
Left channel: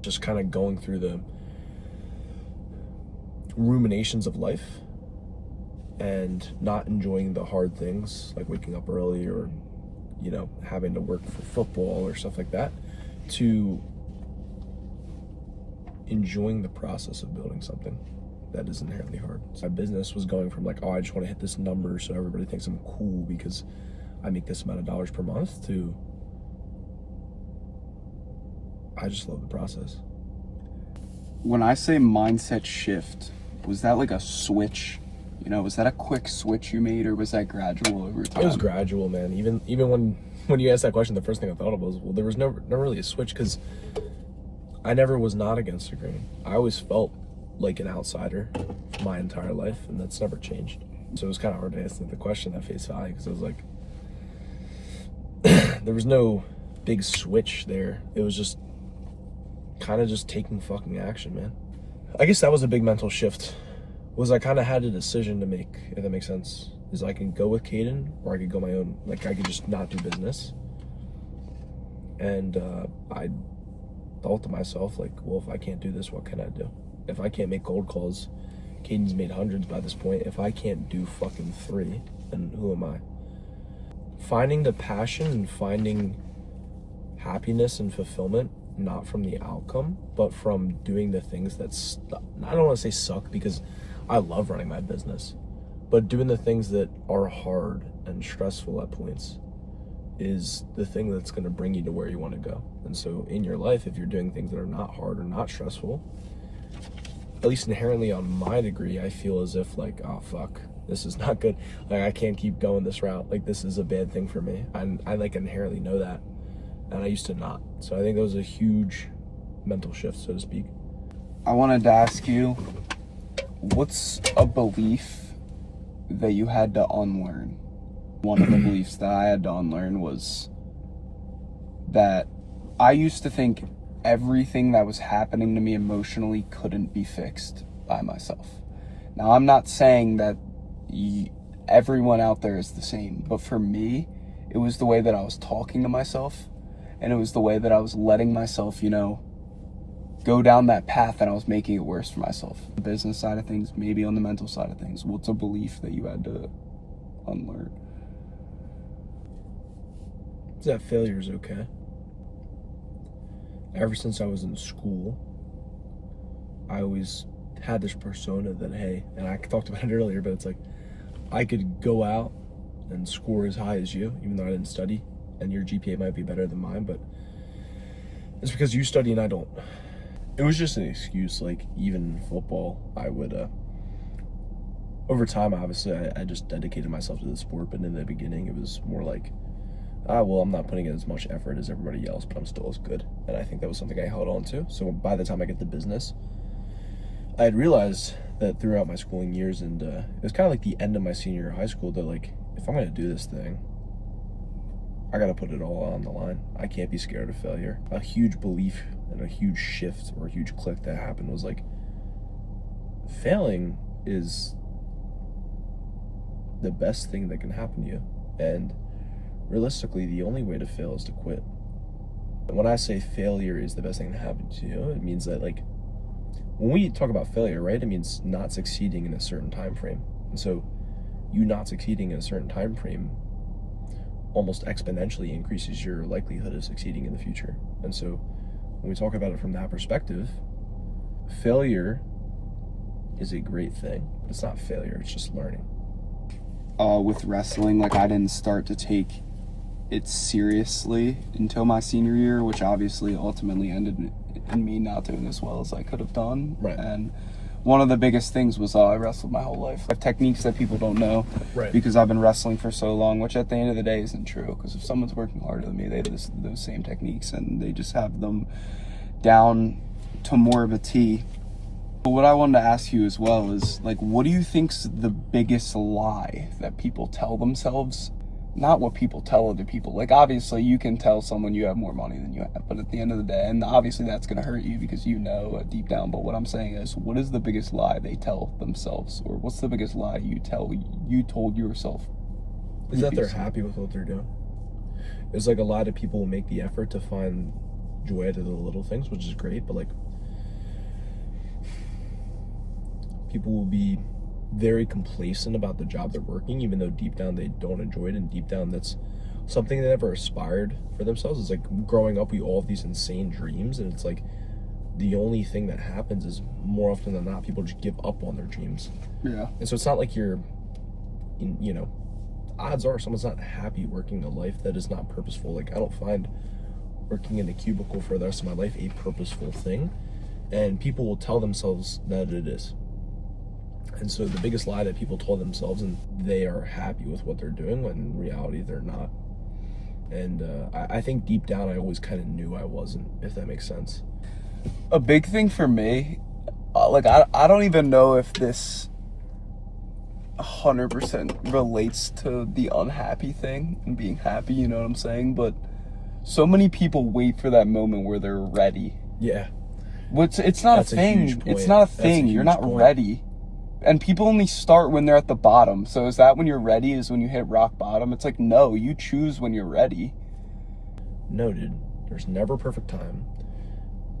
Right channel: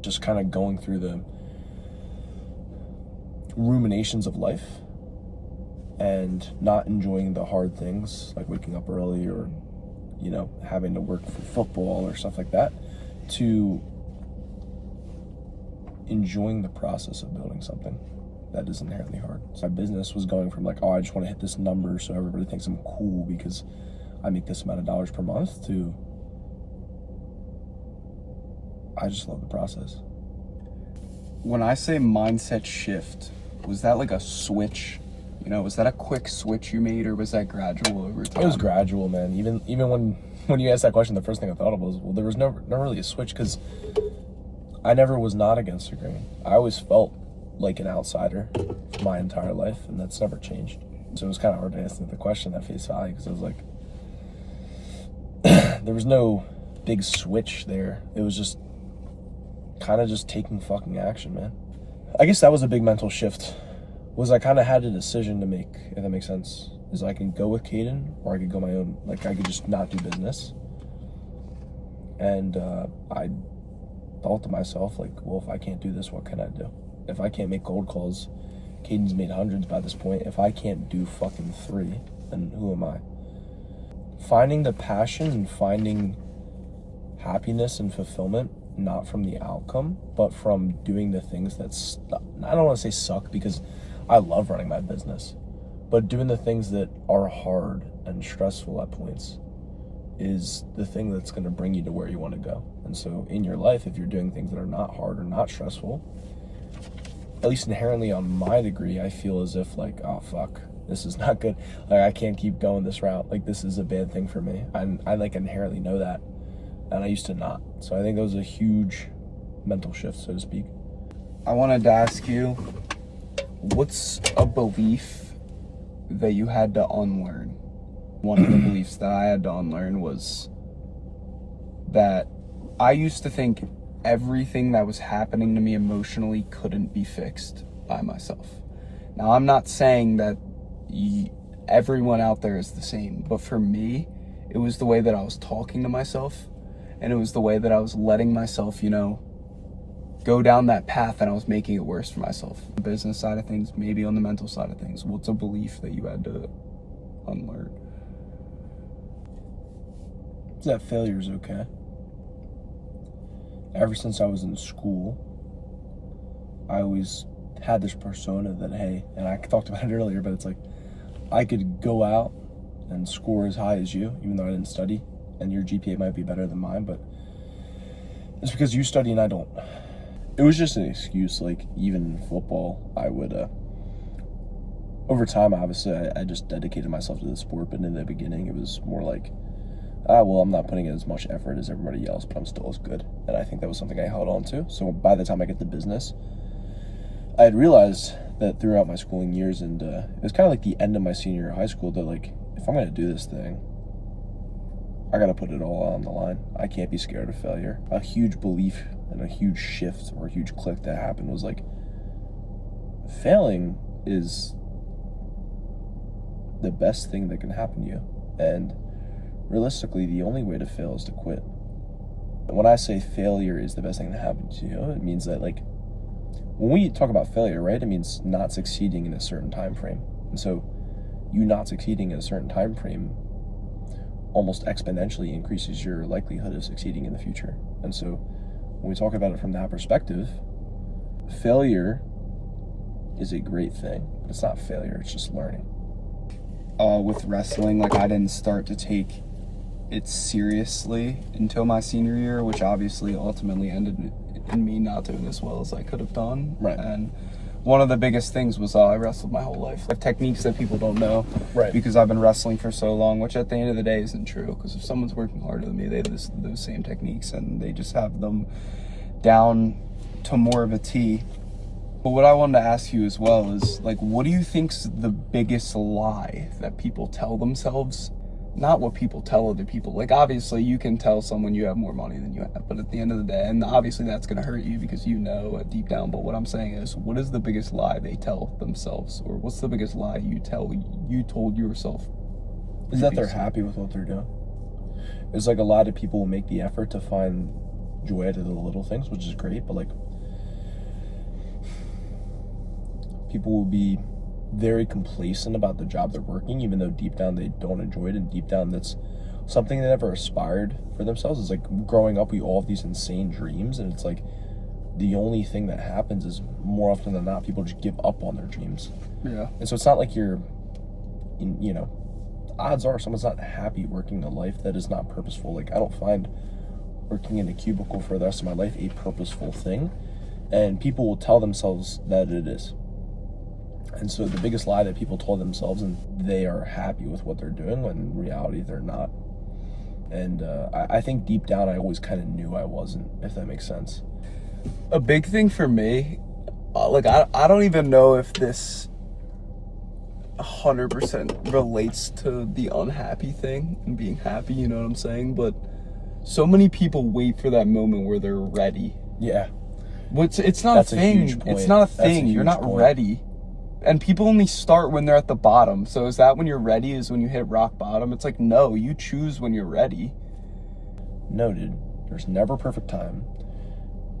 just kind of going through the ruminations of life and not enjoying the hard things like waking up early or having to work for football or stuff like that, to enjoying the process of building something that is inherently hard. So my business was going from like, oh, I just want to hit this number so everybody thinks I'm cool because I make this amount of dollars per month, to I just love the process. When I say mindset shift, was that like a switch? Was that a quick switch you made, or was that gradual over time? It was gradual, man. Even when you asked that question, the first thing I thought of was, well, there was never really a switch, because I never was not against the grain. I always felt like an outsider my entire life, and that's never changed. So it was kind of hard to answer the question at face value, because it was like, there was no big switch there. It was just kind of just taking fucking action, man. I guess that was a big mental shift, was I kind of had a decision to make, if that makes sense. Is I can go with Caden, or I could go my own, like I could just not do business. And I thought to myself, like, well, if I can't do this, what can I do? If I can't make cold calls, Caden's made hundreds by this point. If I can't do fucking 3, then who am I? Finding the passion and finding happiness and fulfillment, not from the outcome, but from doing the things that I don't want to say suck, because I love running my business, but doing the things that are hard and stressful at points is the thing that's going to bring you to where you want to go. And so in your life, if you're doing things that are not hard or not stressful, at least inherently on my degree, I feel as if like, oh fuck, this is not good. Like I can't keep going this route. Like this is a bad thing for me. I like inherently know that, and I used to not. So I think that was a huge mental shift, so to speak. I wanted to ask you, what's a belief that you had to unlearn? One of the beliefs that I had to unlearn was that I used to think everything that was happening to me emotionally couldn't be fixed by myself. Now, I'm not saying that everyone out there is the same, but for me, it was the way that I was talking to myself, and it was the way that I was letting myself, go down that path, and I was making it worse for myself. The business side of things, maybe on the mental side of things, what's a belief that you had to unlearn? That failure is okay. Ever since I was in school, I always had this persona that, hey, and I talked about it earlier, but it's like, I could go out and score as high as you, even though I didn't study, and your GPA might be better than mine, but it's because you study and I don't. It was just an excuse. Like, even in football, I would, over time, obviously, I just dedicated myself to the sport, but in the beginning, it was more like well, I'm not putting in as much effort as everybody else, but I'm still as good. And I think that was something I held on to. So by the time I get to business, I had realized that throughout my schooling years, and it was kind of like the end of my senior year of high school, that like, if I'm going to do this thing, I got to put it all on the line. I can't be scared of failure. A huge belief and a huge shift or a huge click that happened was like, failing is the best thing that can happen to you. And realistically, the only way to fail is to quit. When I say failure is the best thing that happened to you, it means that, like, when we talk about failure, right, it means not succeeding in a certain time frame. And so you not succeeding in a certain time frame almost exponentially increases your likelihood of succeeding in the future. And so when we talk about it from that perspective, failure is a great thing, but it's not failure, it's just learning. With wrestling, like, I didn't start to take it seriously until my senior year, which obviously ultimately ended in me not doing as well as I could have done. Right. And one of the biggest things was I wrestled my whole life. I have techniques that people don't know, Right. because I've been wrestling for so long, which at the end of the day isn't true, because if someone's working harder than me, they have those same techniques and they just have them down to more of a T. But what I wanted to ask you as well is, like, what do you think's the biggest lie that people tell themselves? Not what people tell other people. Like, obviously, you can tell someone you have more money than you have, but at the end of the day, and obviously that's going to hurt you because you know deep down, but what I'm saying is, what is the biggest lie they tell themselves? Or what's the biggest lie you told yourself? Is that they're happy with what they're doing. It's like a lot of people will make the effort to find joy out of the little things, which is great, but like, people will be very complacent about the job they're working, even though deep down they don't enjoy it, and deep down that's something they never aspired for themselves. It's like growing up, we all have these insane dreams, and it's like the only thing that happens is more often than not, people just give up on their dreams. Yeah. And so it's not like odds are someone's not happy working a life that is not purposeful. Like, I don't find working in a cubicle for the rest of my life a purposeful thing, and people will tell themselves that it is. And so the biggest lie that people told themselves, and they are happy with what they're doing, when in reality they're not. And I think deep down I always kind of knew I wasn't, if that makes sense. A big thing for me, I don't even know if this 100% relates to the unhappy thing and being happy, you know what I'm saying? But so many people wait for that moment where they're ready. Yeah. Which, it's not That's a thing. huge point. It's not a That's a thing. You're huge not point. ready. And people only start when they're at the bottom. So is that when you're ready, is when you hit rock bottom? It's like, no, you choose when you're ready. Noted. There's never a perfect time.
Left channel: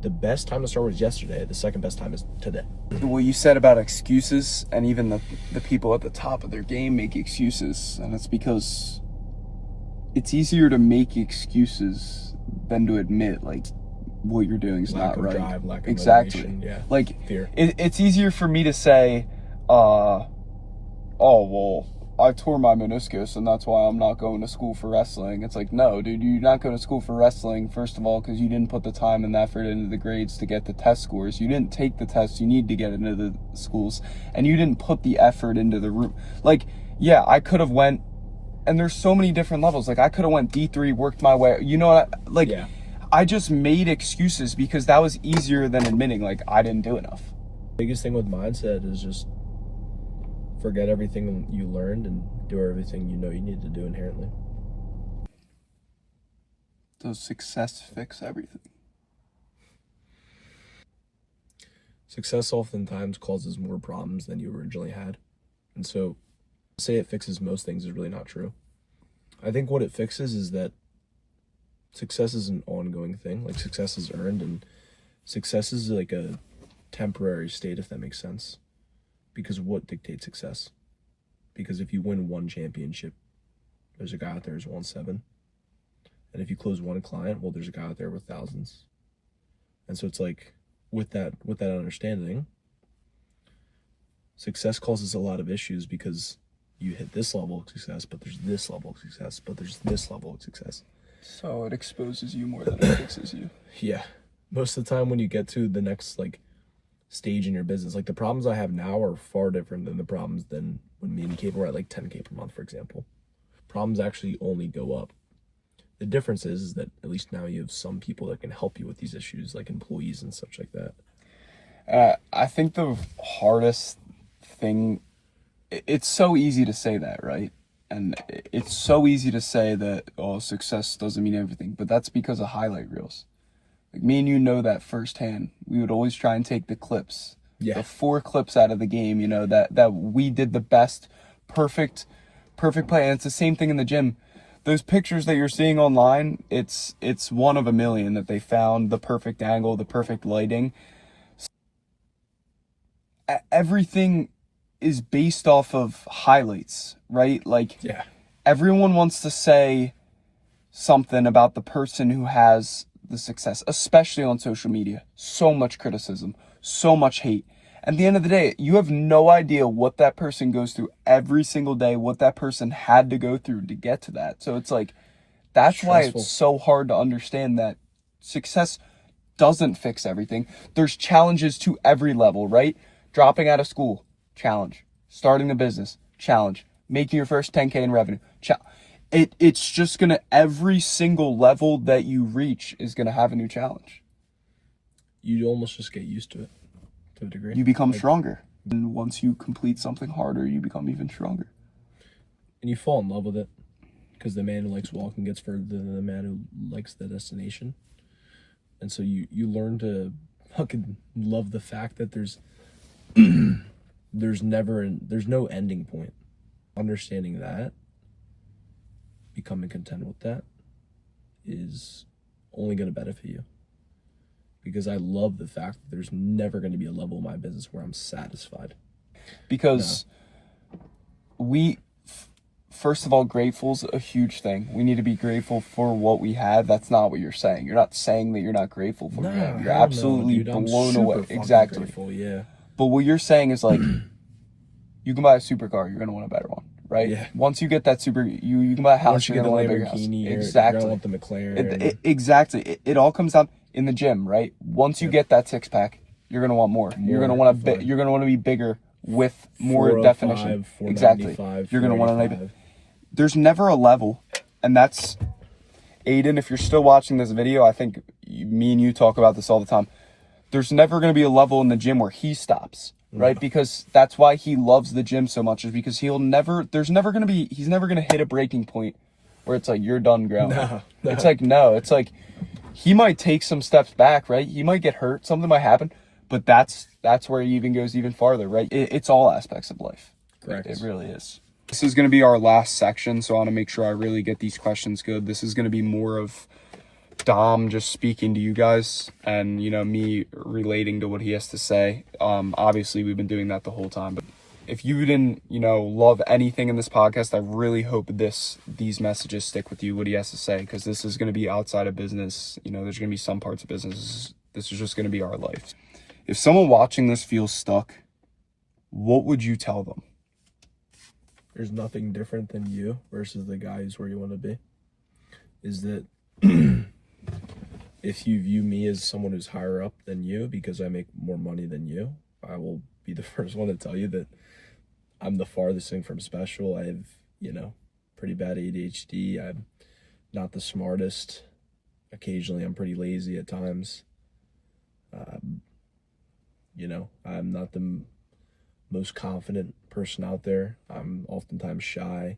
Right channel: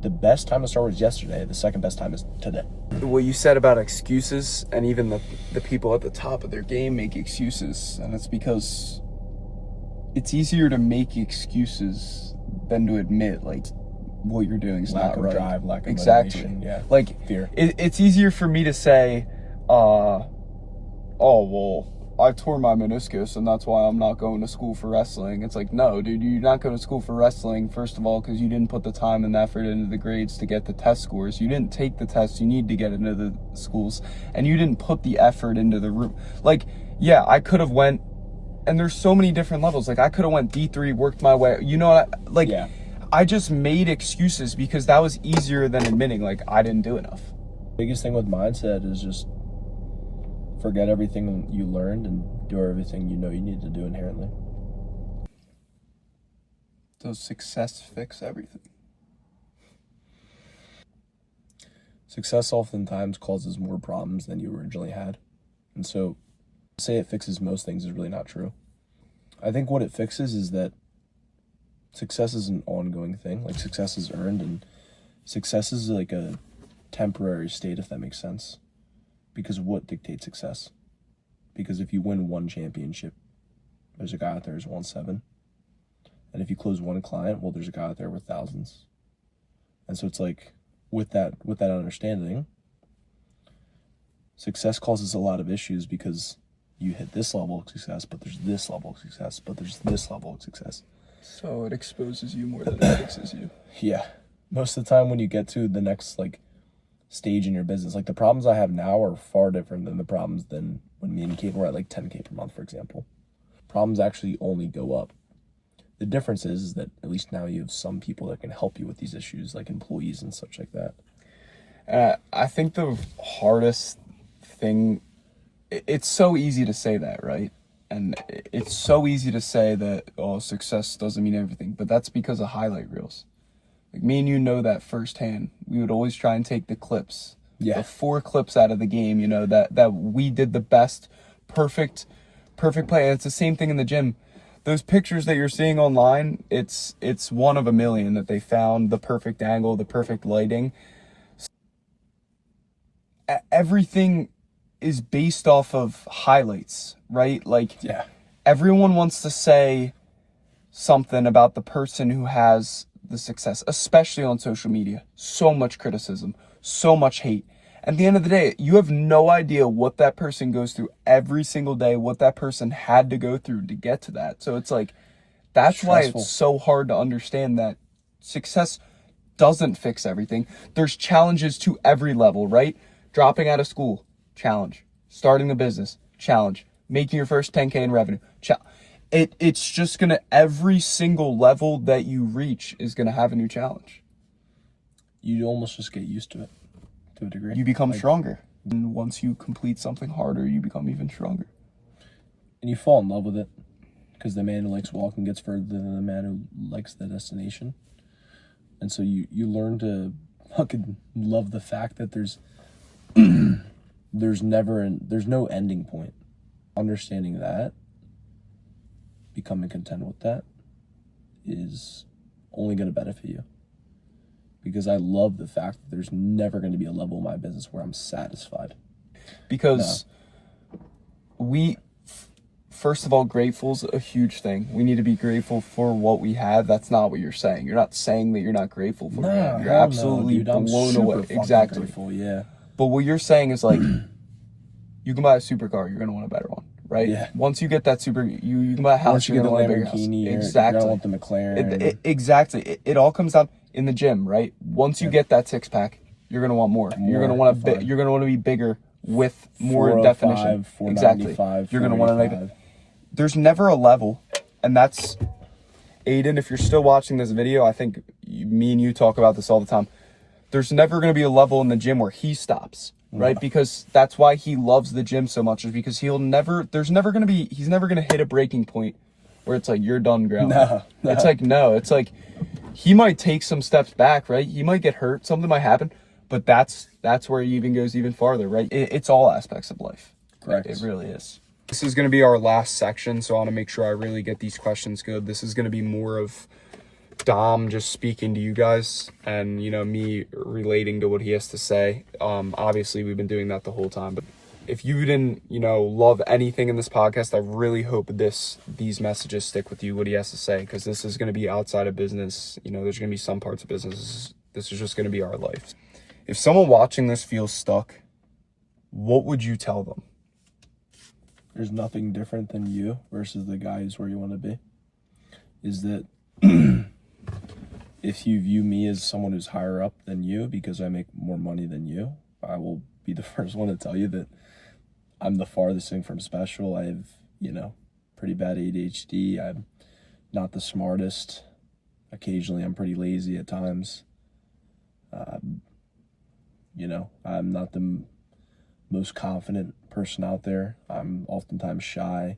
The best time to start was yesterday. The second best time is today. What you said about excuses, and even the people at the top of their game make excuses. And it's because it's easier to make excuses than to admit, like, what you're doing is Lack not of right. drive, lack of Exactly. motivation. Yeah. Like, Fear. it's easier for me to say, oh, well, I tore my meniscus and that's why I'm not going to school for wrestling. It's like, no, dude, you're not going to school for wrestling, first of all, because you didn't put the time and effort into the grades to get the test scores. You didn't take the tests you need to get into the schools, and you didn't put the effort into the room. Like, yeah, I could have went, and there's so many different levels. Like, I could have went D3, worked my way, you know what, like, Yeah. I just made excuses because that was easier than admitting, like, I didn't do enough. Biggest thing with mindset is just forget everything you learned and do everything you know you need to do inherently. Does success fix everything? Success oftentimes causes more problems than you originally had. And so to say it fixes most things is really not true. I think what it fixes is that success is an ongoing thing. Like, success is earned, and success is like a temporary state, if that makes sense. Because of what dictates success. Because if you win one championship, there's a guy out there who's won 7. And if you close one client, well, there's a guy out there with thousands. And so it's like, with that understanding, success causes a lot of issues because you hit this level of success, but there's this level of success, but there's this level of success. So it exposes you more than it fixes you. Yeah. Most of the time when you get to the next, like, stage in your business, like, the problems I have now are far different than the problems than when me and Kate were at like 10K per month, for example. Problems actually only go up. The difference is that at least now you have some people that can help you with these issues, like employees and such like that. I think the hardest thing, it's so easy to say that, right? And it's so easy to say that, oh, success doesn't mean everything, but that's because of highlight reels. Like, me and you know that firsthand. We would always try and take the clips, Yeah. the 4 clips out of the game, you know, that we did the best, perfect play. And it's the same thing in the gym. Those pictures that you're seeing online, it's one of a million that they found, the perfect angle, the perfect lighting. Everything is based off of highlights, right? Like, Yeah. everyone wants to say something about the person who has the success, especially on social media. So much criticism, so much hate. At the end of the day, you have no idea what that person goes through every single day, what that person had to go through to get to that. So it's like, that's why Stressful. it's so hard to understand that success doesn't fix everything. There's challenges to every level, right? Dropping out of school, challenge. Starting the business, challenge. Making your first 10K in revenue, it's just gonna, every single level that you reach is gonna have a new challenge. You almost just get used to it to a degree. You become stronger. And once you complete something harder, you become even stronger. And you fall in love with it, because the man who likes walking gets further than the man who likes the destination. And so you learn to fucking love the fact that there's no ending point. Understanding that, becoming content with that, is only going to benefit you. Because I love the fact that there's never going to be a level in my business where I'm satisfied. Because first of all, grateful's a huge thing. We need to be grateful for what we have. That's not what you're saying. You're not saying that you're not grateful for it. You're absolutely blown away. Exactly. Grateful, yeah. But what you're saying is, like, you can buy a supercar, you're gonna want a better one, right? Yeah. Once you get that you can buy a house. Once you get the Lamborghini, you're exactly. gonna want the McLaren. Exactly. It all comes down in the gym, right? Once you get that 6-pack, you're gonna want more. You're gonna want to be bigger with more definition. 495, exactly. You're gonna want to. There's never a level, and that's, Aiden, if you're still watching this video, I think me and you talk about this all the time. There's never going to be a level in the gym where he stops, right? Because that's why he loves the gym so much, is because he's never going to hit a breaking point where it's like, you're done growing. No. It's like he might take some steps back, right? He might get hurt, something might happen, but that's where he even goes even farther, right? It's all aspects of life. Correct. It really is. This is going to be our last section, so I want to make sure I really get these questions good. This is going to be more of Dom just speaking to you guys and, you know, me relating to what he has to say. Obviously, we've been doing that the whole time, but if you didn't, you know, love anything in this podcast, I really hope these messages stick with you, what he has to say, because this is going to be outside of business. You know, there's going to be some parts of business. This is just going to be our life. If someone watching this feels stuck, what would you tell them? There's nothing different than you versus the guy who's where you want to be. Is that if you view me as someone who's higher up than you because I make more money than you, I will be the first one to tell you that I'm the farthest thing from special. I have, you know, pretty bad ADHD. I'm not the smartest. Occasionally I'm pretty lazy at times. You know, I'm not the most confident person out there. I'm oftentimes shy.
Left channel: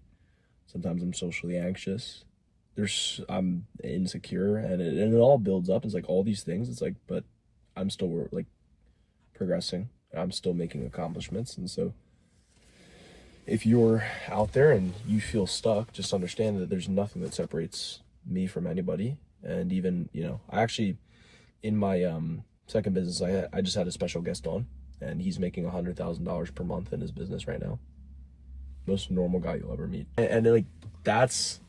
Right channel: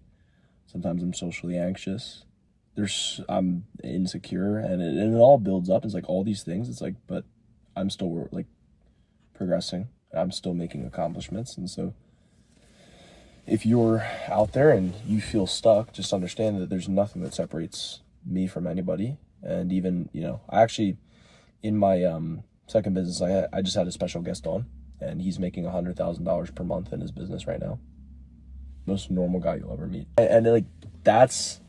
Sometimes I'm socially anxious. I'm insecure, and it all builds up. It's like all these things. It's like, but I'm still like progressing. I'm still making accomplishments. And so if you're out there and you feel stuck, just understand that there's nothing that separates me from anybody. And even, you know, I actually, in my second business, I just had a special guest on, and he's making $100,000 per month in his business right now. Most normal guy you'll ever meet. And like, that's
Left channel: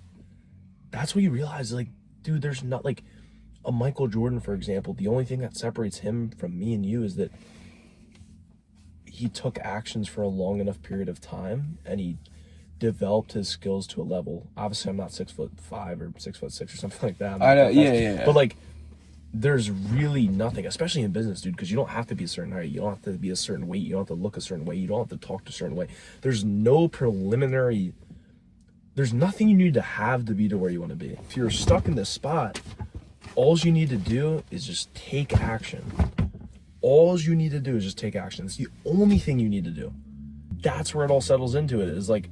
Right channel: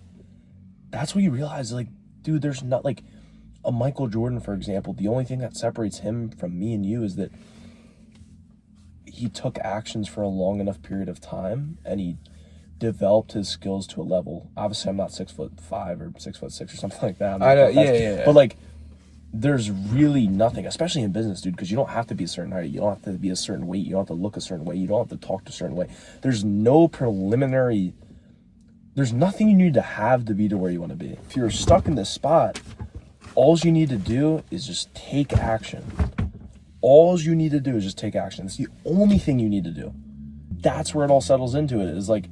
what you realize, like, dude, there's not, like, a Michael Jordan, for example. The only thing that separates him from me and you is that he took actions for a long enough period of time, and he developed his skills to a level. Obviously, I'm not 6'5" or 6'6" or something like that. I know, yeah. But like, there's really nothing, especially in business, dude, because you don't have to be a certain height, you don't have to be a certain weight, you don't have to look a certain way, you don't have to talk a certain way. There's no There's nothing you need to have to be to where you want to be. If you're stuck in this spot, all you need to do is just take action. All you need to do is just take action. It's the only thing you need to do. That's where it all settles into it. Is like,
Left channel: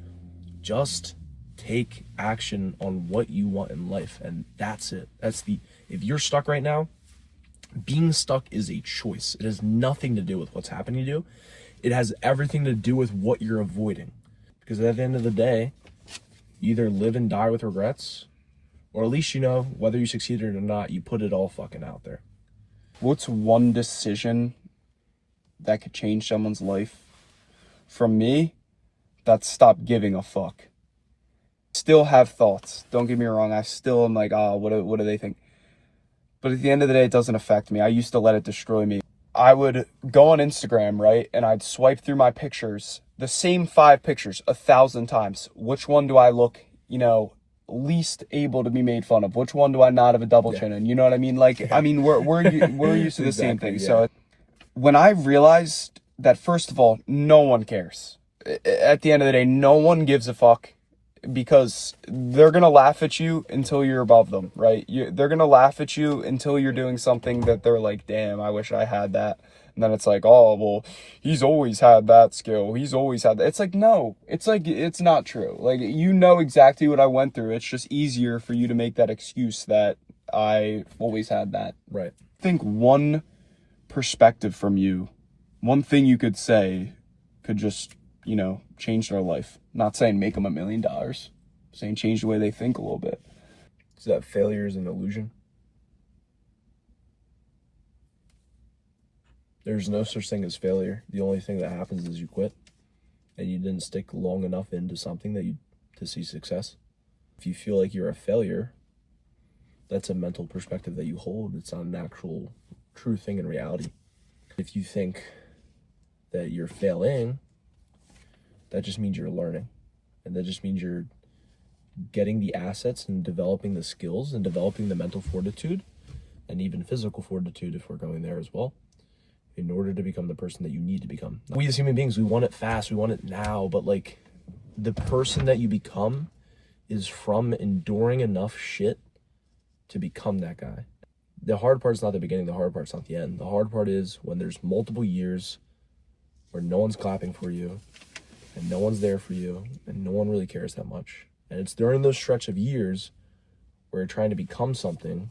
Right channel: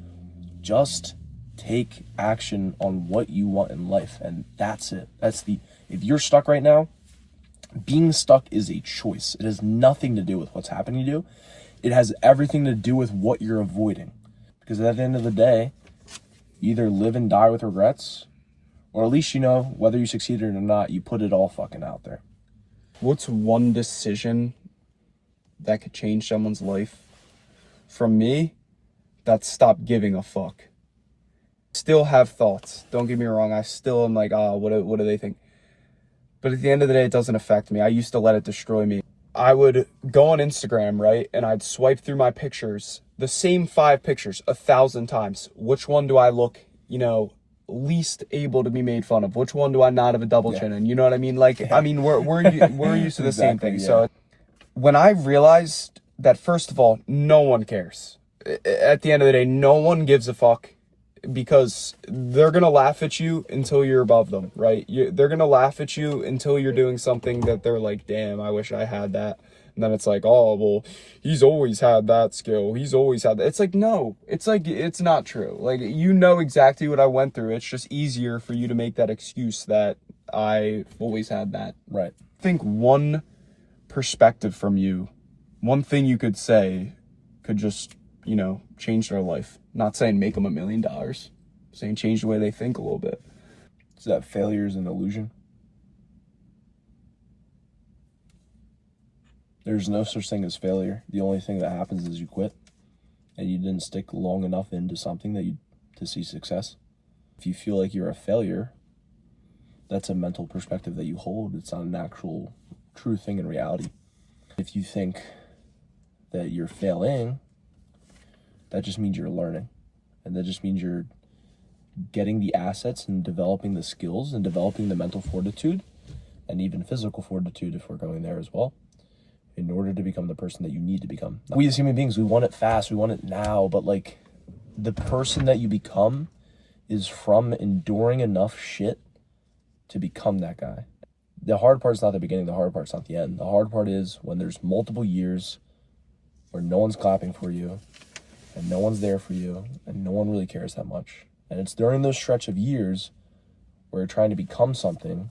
just take action on what you want in life. And that's it. If you're stuck right now, being stuck is a choice. It has nothing to do with what's happening to you. It has everything to do with what you're avoiding. Because at the end of the day, you either live and die with regrets, or at least, whether you succeeded or not, you put it all fucking out there. What's one decision that could change someone's life? From me, that's stop giving a fuck. Still have thoughts. Don't get me wrong. I still am like, what do they think? But at the end of the day, it doesn't affect me. I used to let it destroy me. I would go on Instagram, right? And I'd swipe through my pictures, the same 5 pictures 1,000 times. Which one do I look, least able to be made fun of? Which one do I not have a double chin in? You know what I mean? Like, I mean, we're used to the same thing. Yeah. So when I realized that, first of all, no one cares. At the end of the day, no one gives a fuck, because they're going to laugh at you until you're above them, right? They're going to laugh at you until you're doing something that they're like, damn, I wish I had that. And then it's like, oh, well, he's always had that skill. He's always had that. It's like, no, it's not true. Like, exactly what I went through. It's just easier for you to make that excuse that I always had that. Right. I think one perspective from you, one thing you could say could just, change their life. Not saying make them $1 million, saying change the way they think a little bit. Is that failure is an illusion? There's no such thing as failure. The only thing that happens is you quit, and you didn't stick long enough into something to see success. If you feel like you're a failure, that's a mental perspective that you hold. It's not an actual true thing in reality. If you think that you're failing, that just means you're learning. And that just means you're getting the assets and developing the skills and developing the mental fortitude and even physical fortitude, if we're going there as well, in order to become the person that you need to become. We as human beings, we want it fast, we want it now, but like, the person that you become is from enduring enough shit to become that guy. The hard part's not the beginning, the hard part's not the end. The hard part is when there's multiple years where no one's clapping for you, and no one's there for you, and no one really cares that much. And it's during those stretch of years where you're trying to become something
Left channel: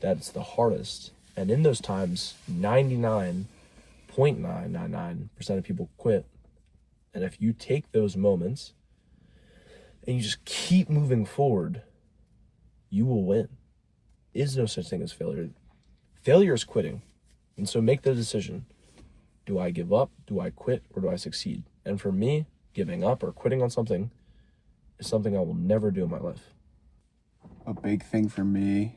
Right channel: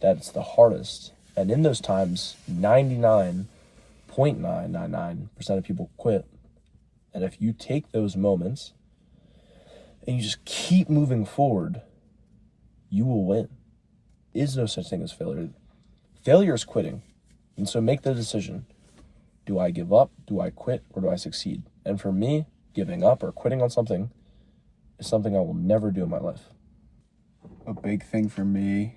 that's the hardest. And in those times, 99.999% of people quit. And if you take those moments and you just keep moving forward, you will win. There is no such thing as failure. Failure is quitting. And so make the decision. Do I give up? Do I quit? Or do I succeed? And for me, giving up or quitting on something is something I will never do in my life. A big thing for me,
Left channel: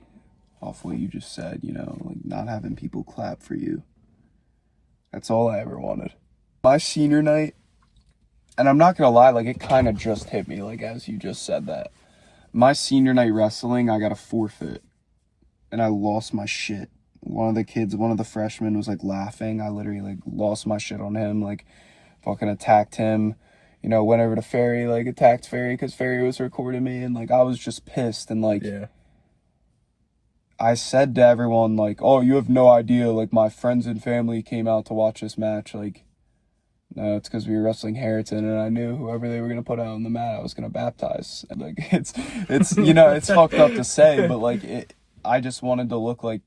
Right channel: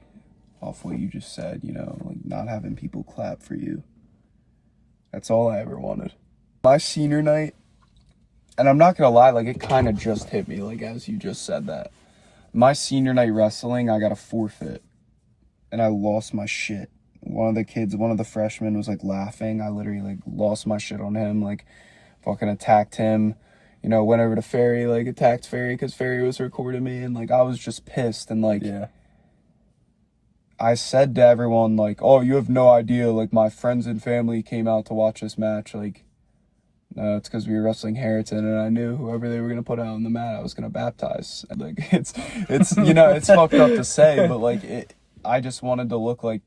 off what you just said, like not having people clap for you. That's all I ever wanted. My senior night, and I'm not gonna lie, like it kind of just hit me, like as you just said that. My senior night wrestling, I got a forfeit, and I lost my shit. One of the freshmen was like laughing. I literally like lost my shit on him, like fucking attacked him, went over to Ferry, like attacked Ferry because Ferry was recording me, and like I was just pissed. And like, yeah. I said to everyone, like, oh, you have no idea, like my friends and family came out to watch this match. Like, no, it's because we were wrestling Harrington, and I knew whoever they were going to put out on the mat, I was going to baptize. And like, it's it's fucked up to say, but like I just wanted to look like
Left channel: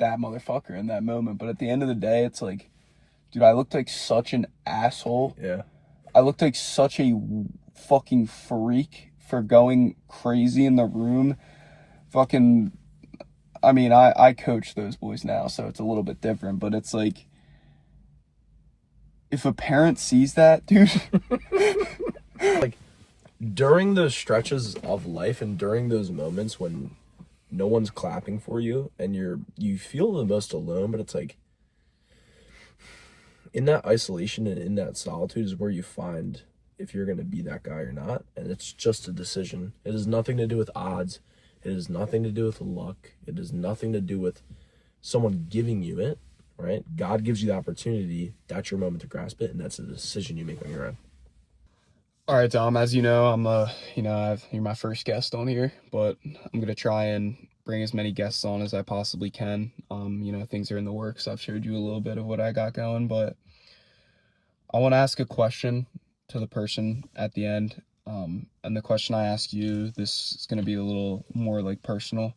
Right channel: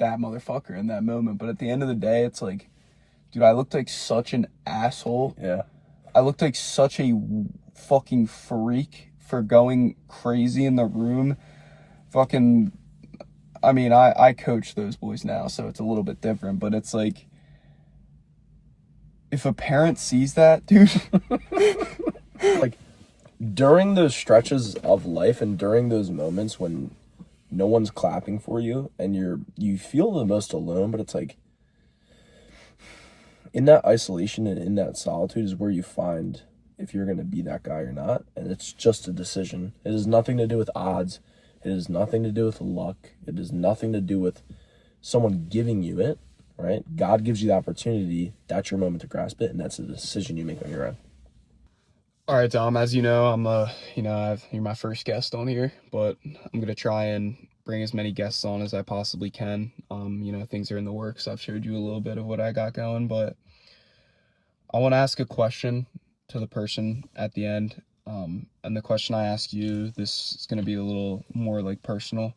that motherfucker in that moment. But at the end of the day, it's like, dude, I looked like such an asshole. Yeah. I looked like such a fucking freak for going crazy in the room. Fucking, I mean, I coach those boys now, so it's a little bit different, but it's like, if a parent sees that, dude. Like, during those stretches of life and during those moments when no one's clapping for you and you feel the most alone, but it's like, in that isolation and in that solitude is where you find if you're going to be that guy or not. And it's just a decision. It has nothing to do with odds. It has nothing to do with luck. It has nothing to do with someone giving you it, right? God gives you the opportunity. That's your moment to grasp it, and that's a decision you make on your own. All right, Tom, as you know, you're my first guest on here, but I'm gonna try and bring as many guests on as I possibly can. Things are in the works. I've showed you a little bit of what I got going, but I want to ask a question to the person at the end. And the question I ask you, this is gonna be a little more like personal.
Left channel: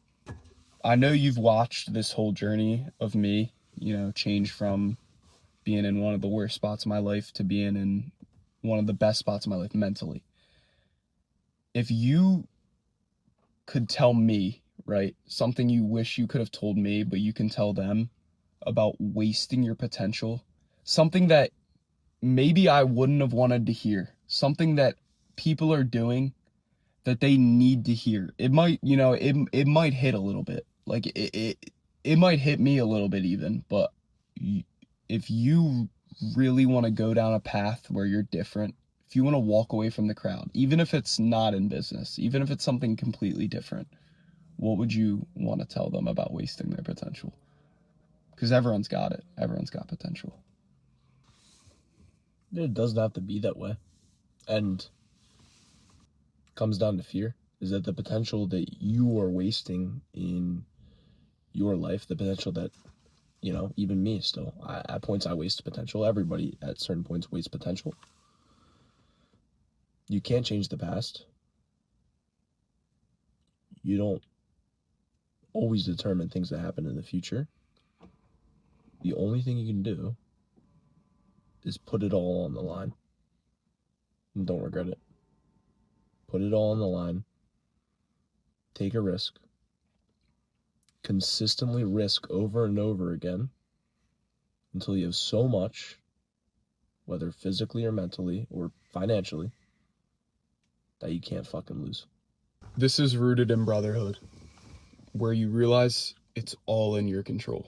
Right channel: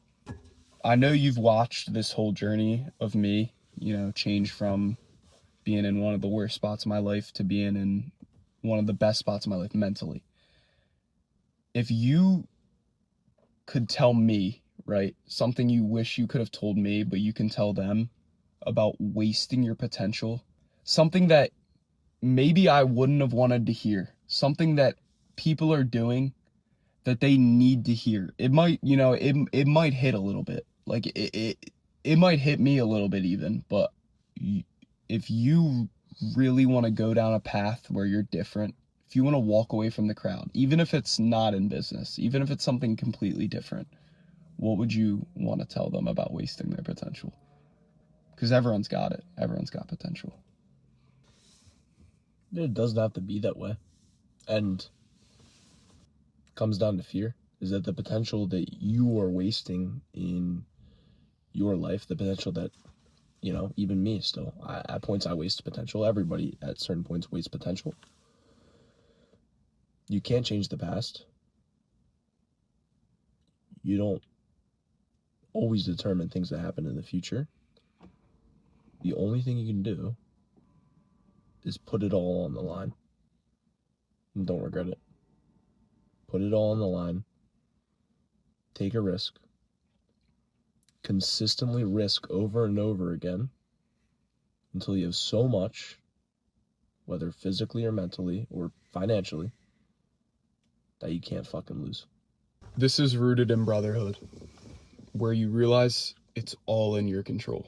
I know you've watched this whole journey of me, change from being in one of the worst spots of my life to being in one of the best spots of my life mentally. If you could tell me, right, something you wish you could have told me, but you can tell them about wasting your potential, something that maybe I wouldn't have wanted to hear, something that people are doing that they need to hear. It might, it might hit a little bit. Like it might hit me a little bit even, but if you really want to go down a path where you're different, if you want to walk away from the crowd, even if it's not in business, even if it's something completely different, what would you want to tell them about wasting their potential? Because everyone's got it. Everyone's got potential. It doesn't have to be that way. And comes down to fear. Is that the potential that you are wasting in your life, the potential that, even me still, at points I waste potential. Everybody at certain points wastes potential. You can't change the past. You don't always determine things that happen in the future. The only thing you can do is put it all on the line and don't regret it. Put it all on the line. Take a risk. Consistently risk over and over again until you have so much, whether physically or mentally or financially, that you can't fucking lose. This is rooted in brotherhood, where you realize it's all in your control.